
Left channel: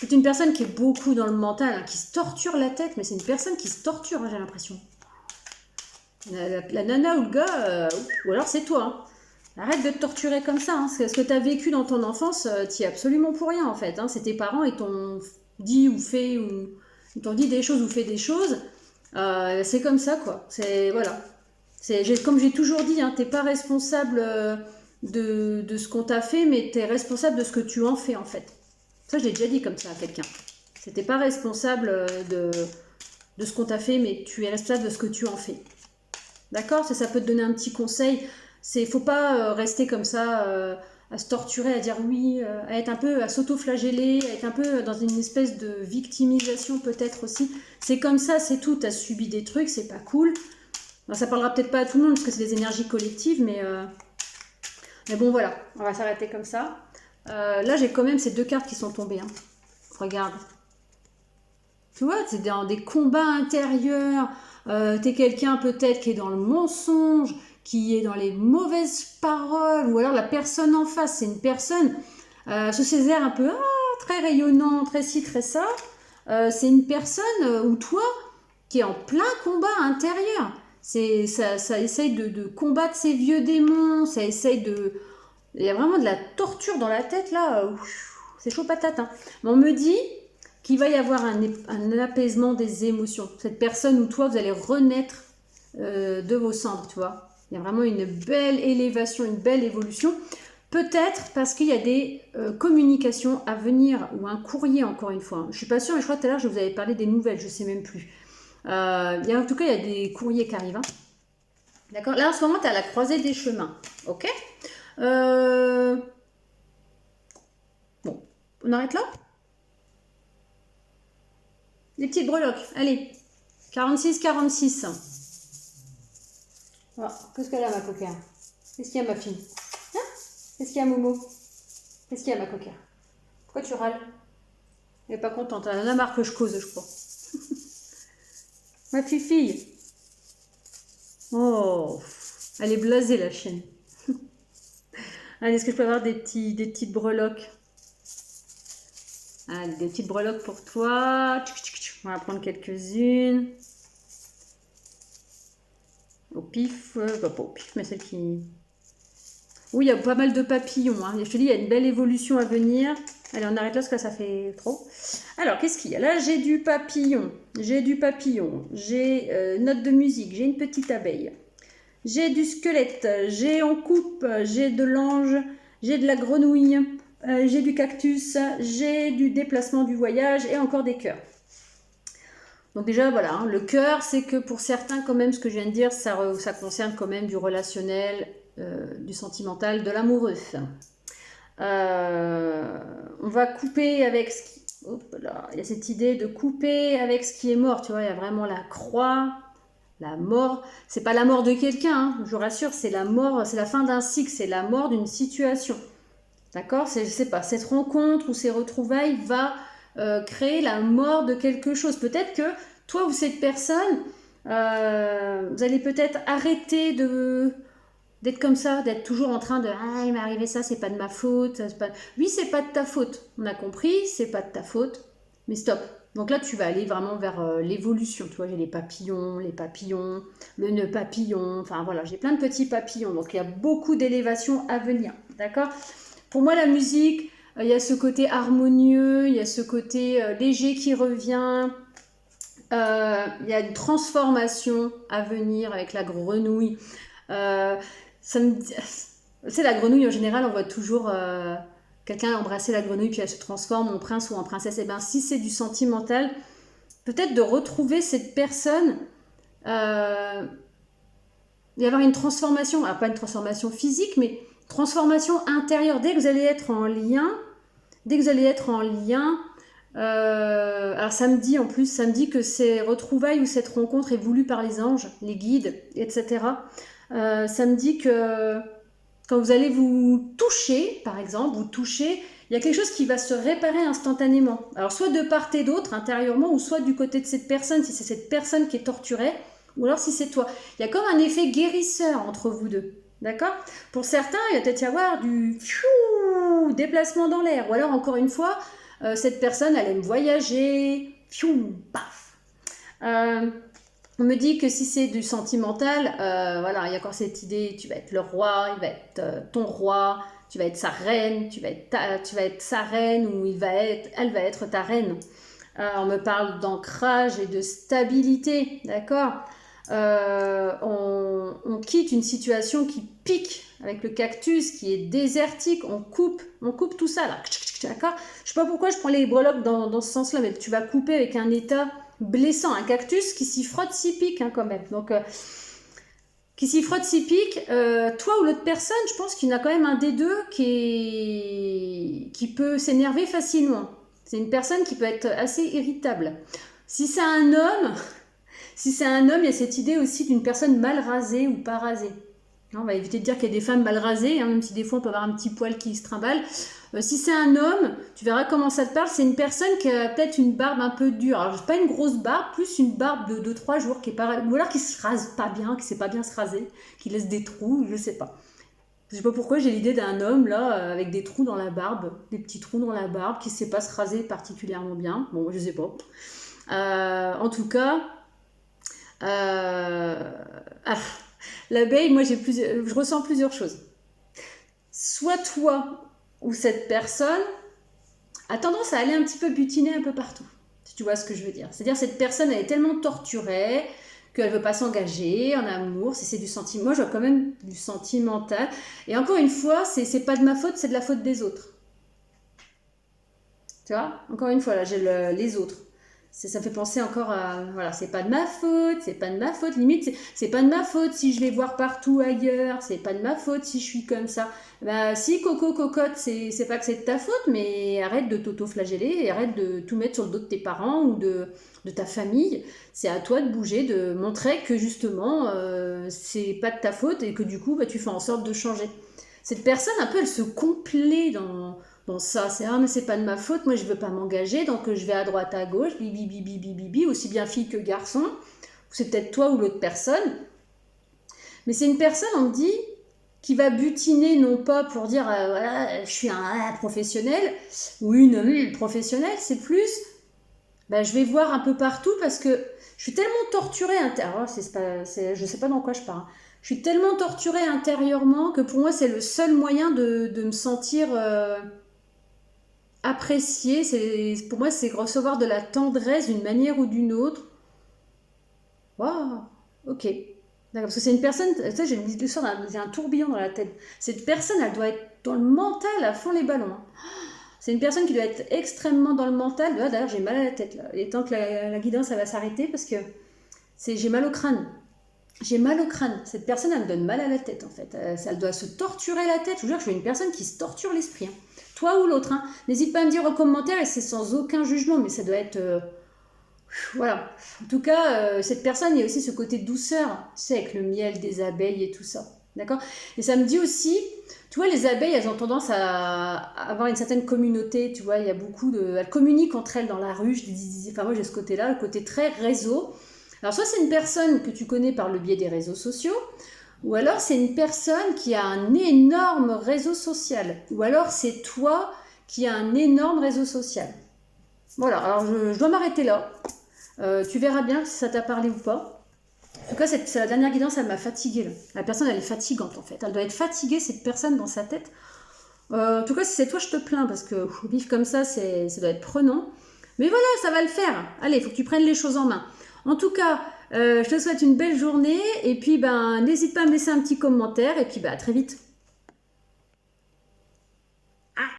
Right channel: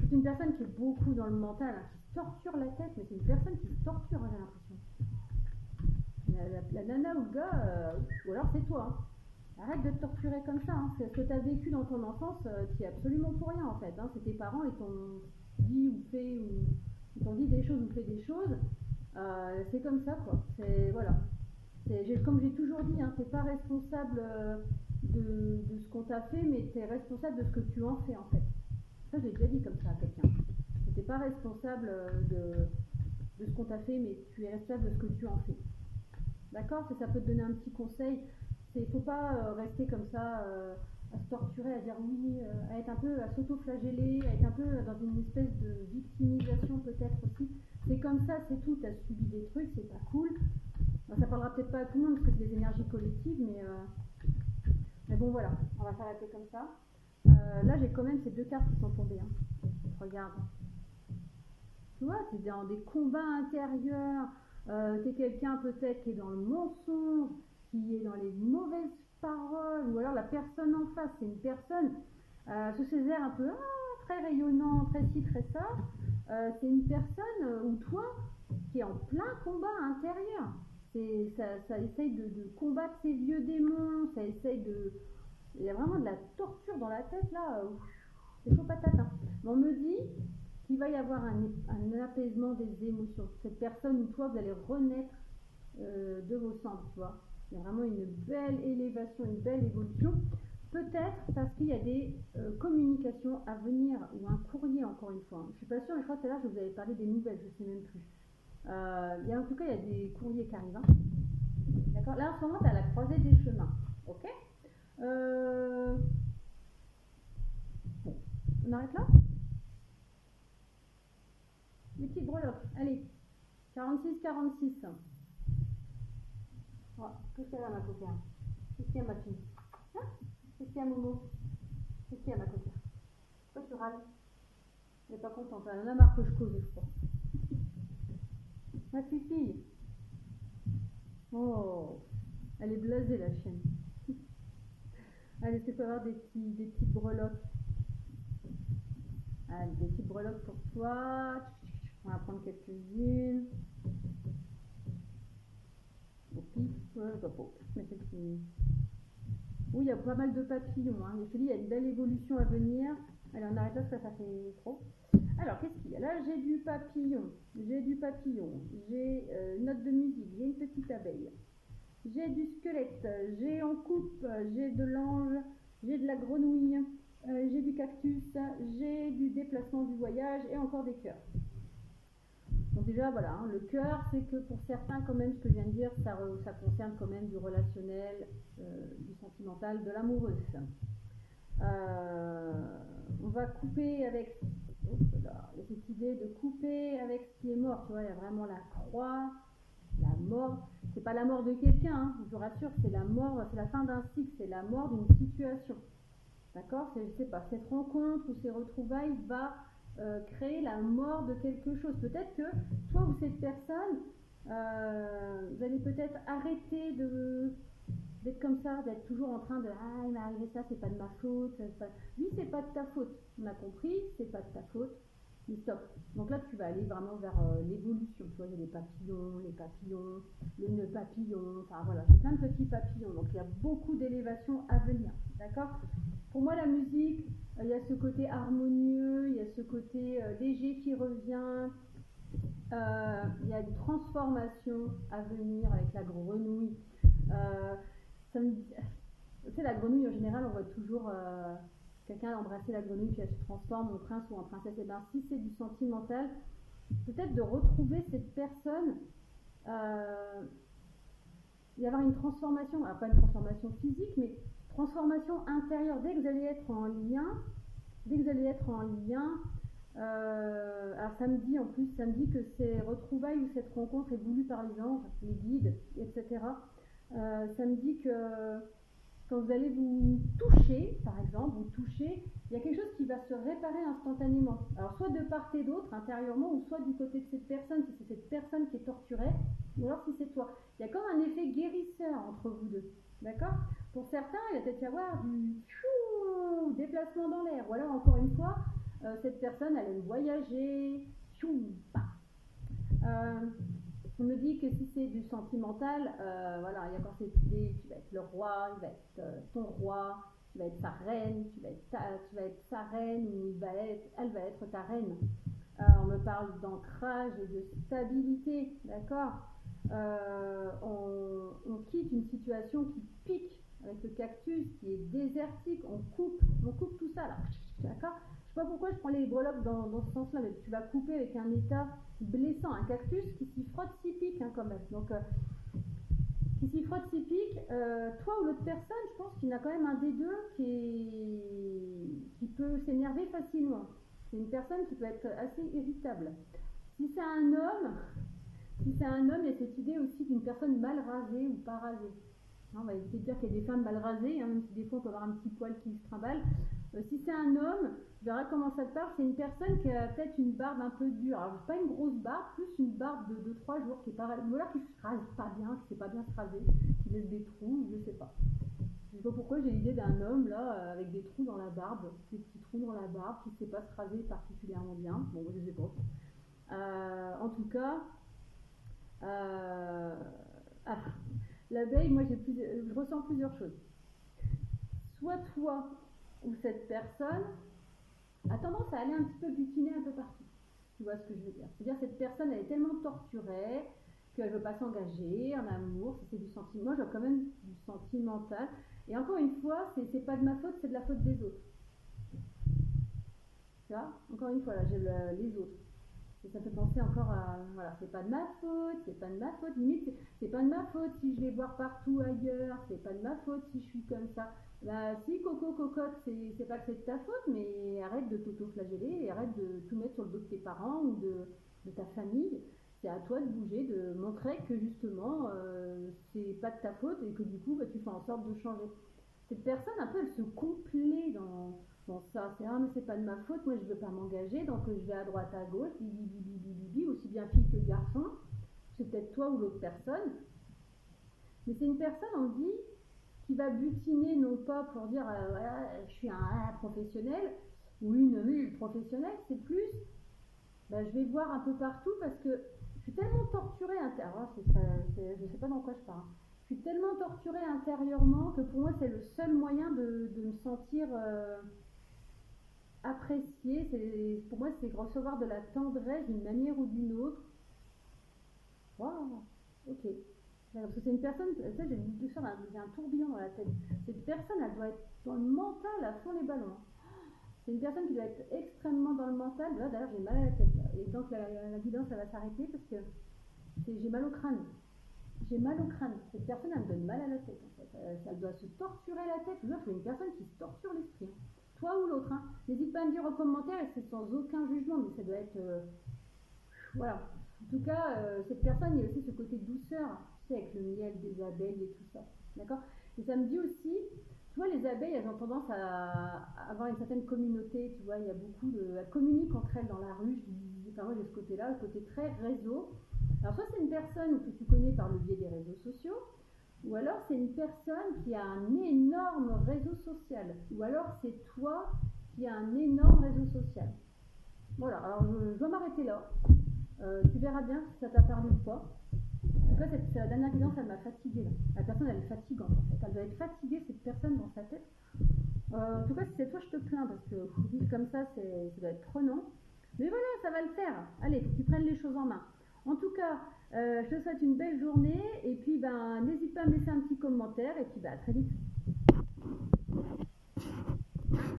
C'est une personne qui est beaucoup dans le mental, hein, qui se torture la tête, mais c'est une personne qui se torture, hein, j'ai l'impression. La nana ou le gars, ou alors c'est toi. Hein. Arrête de te torturer comme ça. Hein. Ce que tu as vécu dans ton enfance, tu es absolument pour rien en fait. Hein. C'est tes parents, ils t'ont dit ou fait, ou ils t'ont dit des choses ou fait des choses. C'est comme ça quoi. C'est voilà. Comme j'ai toujours dit, hein, t'es pas responsable de ce qu'on t'a fait, mais tu es responsable de ce que tu en fais en fait. Ça, je l'ai déjà dit comme ça à quelqu'un. C'était pas responsable de ce qu'on t'a fait, mais tu es responsable de ce que tu en fais. D'accord? Ça peut te donner un petit conseil. Faut pas rester comme ça, à se torturer, à dire oui, à être un peu, à s'auto-flageller, à être un peu dans une espèce de victimisation peut-être aussi. C'est comme ça, c'est tout. T'as subi des trucs, c'est pas cool. Alors, ça parlera peut-être pas à tout le monde parce que c'est des énergies collectives, mais bon voilà, on va s'arrêter comme ça. Là, j'ai quand même ces 2 cartes qui sont tombées. Hein. Regarde. Tu vois, c'est dans des combats intérieurs. T'es quelqu'un peut-être qui est dans le mensonge, qui est dans les mauvaises paroles, ou alors la personne en face, c'est une personne sous ses airs un peu très rayonnant, très ci, très ça. C'est une personne ou toi qui est en plein combat intérieur. Ça essaye de combattre ses vieux démons, ça essaye de... Il y a vraiment de la torture dans la tête là. C'est chaud patate. Hein. Mais on me dit qu'il va y avoir un apaisement des émotions. Cette personne ou toi, vous allez renaître de vos cendres, tu vois. Il y a vraiment une belle élévation, une belle évolution. Peut-être parce qu'il y a des communications à venir, ou un courrier encore une fois. Je ne suis pas sûre, mais je crois que tout à l'heure je vous avais parlé des nouvelles, je ne sais même plus. En tout cas, il y a des courriers qui arrivent. Hein. D'accord. Là, en ce moment, tu es à la croisée des chemins. Ok. Bon, on arrête là. Les petites breloques. Allez. 46-46. Oh, qu'est-ce qu'elle a, ma coquère? Qu'est-ce qu'il y a, ma fille? Hein? Qu'est-ce qu'il y a, Momo? Qu'est-ce qu'il y a, ma coquère? Pourquoi tu râles? Elle n'est pas contente. Elle en a marre que je cause, je crois. Ma fille. Oh, elle est blasée, la chienne. Allez, est-ce que je peux avoir des petites breloques? Allez, des petites breloques pour toi. On va prendre quelques-unes. Au pif, pas au pif, mais celle qui... Oui, il y a pas mal de papillons. Hein. Je te dis, il y a une belle évolution à venir. Allez, on arrête là parce que ça fait trop. Alors, qu'est-ce qu'il y a? Là, j'ai du papillon. J'ai note de musique. J'ai une petite abeille. J'ai du squelette. J'ai en coupe. J'ai de l'ange. J'ai de la grenouille. J'ai du cactus. J'ai du déplacement du voyage et encore des cœurs. Donc déjà, voilà, hein, le cœur, c'est que pour certains, quand même, ce que je viens de dire, ça concerne quand même du relationnel, du sentimental, de l'amoureux. On va couper avec ce qui... Hop là, il y a cette idée de couper avec ce qui est mort, tu vois, il y a vraiment la croix, la mort. C'est pas la mort de quelqu'un, hein, je vous rassure, c'est la mort, c'est la fin d'un cycle, c'est la mort d'une situation. D'accord? Je sais pas, cette rencontre ou ces retrouvailles va... créer la mort de quelque chose. Peut-être que toi ou cette personne, vous allez peut-être arrêter d'être comme ça, d'être toujours en train de ah il m'est arrivé ça, c'est pas de ma faute. Oui, c'est pas de ta faute. On a compris, c'est pas de ta faute. Mais stop. Donc là, tu vas aller vraiment vers l'évolution. Tu vois, j'ai les papillons, le nœud papillon. Enfin voilà, j'ai plein de petits papillons. Donc il y a beaucoup d'élévation à venir. D'accord? Pour moi, la musique. Il y a ce côté harmonieux, il y a ce côté léger qui revient. Il y a une transformation à venir avec la grenouille. C'est la grenouille en général, on voit toujours quelqu'un embrasser la grenouille puis elle se transforme en prince ou en princesse. Et bien si c'est du sentimental, peut-être de retrouver cette personne, il va y avoir une transformation, alors pas une transformation physique, mais transformation intérieure. Dès que vous allez être en lien, alors ça me dit que ces retrouvailles ou cette rencontre est voulue par les anges, les guides, etc. Ça me dit que quand vous allez vous toucher, par exemple, il y a quelque chose qui va se réparer instantanément. Alors soit de part et d'autre, intérieurement, ou soit du côté de cette personne, si c'est cette personne qui est torturée, ou alors si c'est toi. Il y a comme un effet guérisseur entre vous deux. D'accord? Pour certains, il va peut-être y avoir du déplacement dans l'air. Ou alors, encore une fois, cette personne, elle aime voyager. Paf. On me dit que si c'est du sentimental, voilà, il y a encore cette idée, tu vas être le roi, il va être ton roi, tu vas être sa reine, tu vas être sa reine ou elle va être ta reine. On me parle d'ancrage et de stabilité, d'accord. On quitte une situation qui pique avec le cactus, qui est désertique, on coupe tout ça là, d'accord. Je sais pas pourquoi je prends les breloques dans ce sens-là, mais tu vas couper avec un état blessant, un cactus qui s'y frotte s'y pique hein, quand même. Donc qui s'y frotte s'y pique, toi ou l'autre personne, je pense qu'il y en a quand même un des deux qui peut s'énerver facilement. C'est une personne qui peut être assez irritable. Si c'est un homme, il y a cette idée aussi d'une personne mal rasée ou pas rasée. On va éviter de dire qu'il y a des femmes mal rasées, hein, même si des fois on peut avoir un petit poil qui se trimballe. Si c'est un homme, tu verras comment ça te parle. C'est une personne qui a peut-être une barbe un peu dure. Alors, pas une grosse barbe, plus une barbe de 2-3 jours, qui est pas, ou alors qui se rase pas bien, qui sait pas bien se raser, qui laisse des trous, je sais pas. Je sais pas pourquoi j'ai l'idée d'un homme là, avec des trous dans la barbe, des petits trous dans la barbe, qui sait pas se raser particulièrement bien. Bon, je sais pas. En tout cas, l'abeille, moi je ressens plusieurs choses. Soit toi ou cette personne a tendance à aller un petit peu butiner un peu partout, si tu vois ce que je veux dire. C'est-à-dire cette personne elle est tellement torturée qu'elle veut pas s'engager en amour, si c'est du sentiment. Moi je vois quand même du sentimental. Et encore une fois, c'est pas de ma faute, c'est de la faute des autres. Tu vois, encore une fois là, j'ai les autres. Ça me fait penser encore à, voilà, c'est pas de ma faute, limite, c'est pas de ma faute si je vais voir partout ailleurs, c'est pas de ma faute si je suis comme ça. Bah, si Coco Cocotte, c'est pas que c'est de ta faute, mais arrête de t'auto-flageller et arrête de tout mettre sur le dos de tes parents ou de ta famille. C'est à toi de bouger, de montrer que justement, c'est pas de ta faute et que du coup, bah, tu fais en sorte de changer. Cette personne, un peu, elle se complaît dans ça, c'est mais c'est pas de ma faute, moi je veux pas m'engager, donc je vais à droite à gauche, bibi bibi bibi bibi, aussi bien fille que garçon, c'est peut-être toi ou l'autre personne, mais c'est une personne, on me dit, qui va butiner non pas pour dire voilà, je suis un professionnel ou une professionnelle, c'est plus je vais voir un peu partout parce que je suis tellement torturée intérieurement, je sais pas dans quoi je parle. Je suis tellement torturée intérieurement que pour moi c'est le seul moyen de me sentir apprécier, pour moi c'est recevoir de la tendresse d'une manière ou d'une autre. Waouh, ok. D'accord, parce que c'est une personne, tu sais, j'ai un tourbillon dans la tête. Cette personne, elle doit être dans le mental à fond les ballons. Hein. C'est une personne qui doit être extrêmement dans le mental. D'ailleurs, j'ai mal à la tête là. Et tant que la guidance, elle va s'arrêter parce que j'ai mal au crâne. J'ai mal au crâne. Cette personne, elle me donne mal à la tête en fait. Elle doit se torturer la tête. Je vous jure que je suis une personne qui se torture l'esprit. Hein. Toi ou l'autre. Hein. N'hésite pas à me dire en commentaire et c'est sans aucun jugement, mais ça doit être... voilà. En tout cas, cette personne, il y a aussi ce côté douceur, tu sais, avec le miel des abeilles et tout ça. D'accord. Et ça me dit aussi, tu vois, les abeilles, elles ont tendance à avoir une certaine communauté, tu vois, il y a beaucoup de... Elles communiquent entre elles dans la rue, enfin moi j'ai ce côté-là, le côté très réseau. Alors soit c'est une personne que tu connais par le biais des réseaux sociaux, ou alors c'est une personne qui a un énorme réseau social, ou alors c'est toi qui as un énorme réseau social. Voilà, alors je dois m'arrêter là. Tu verras bien si ça t'a parlé ou pas. En tout cas, c'est la dernière guidance, elle m'a fatiguée. Là. La personne, elle est fatigante en fait. Elle doit être fatiguée, cette personne, dans sa tête. En tout cas, si c'est toi, je te plains parce que vivre comme ça, ça doit être prenant. Mais voilà, ça va le faire. Allez, il faut que tu prennes les choses en main. En tout cas, je te souhaite une belle journée. Et puis, n'hésite pas à me laisser un petit commentaire. Et puis, à très vite.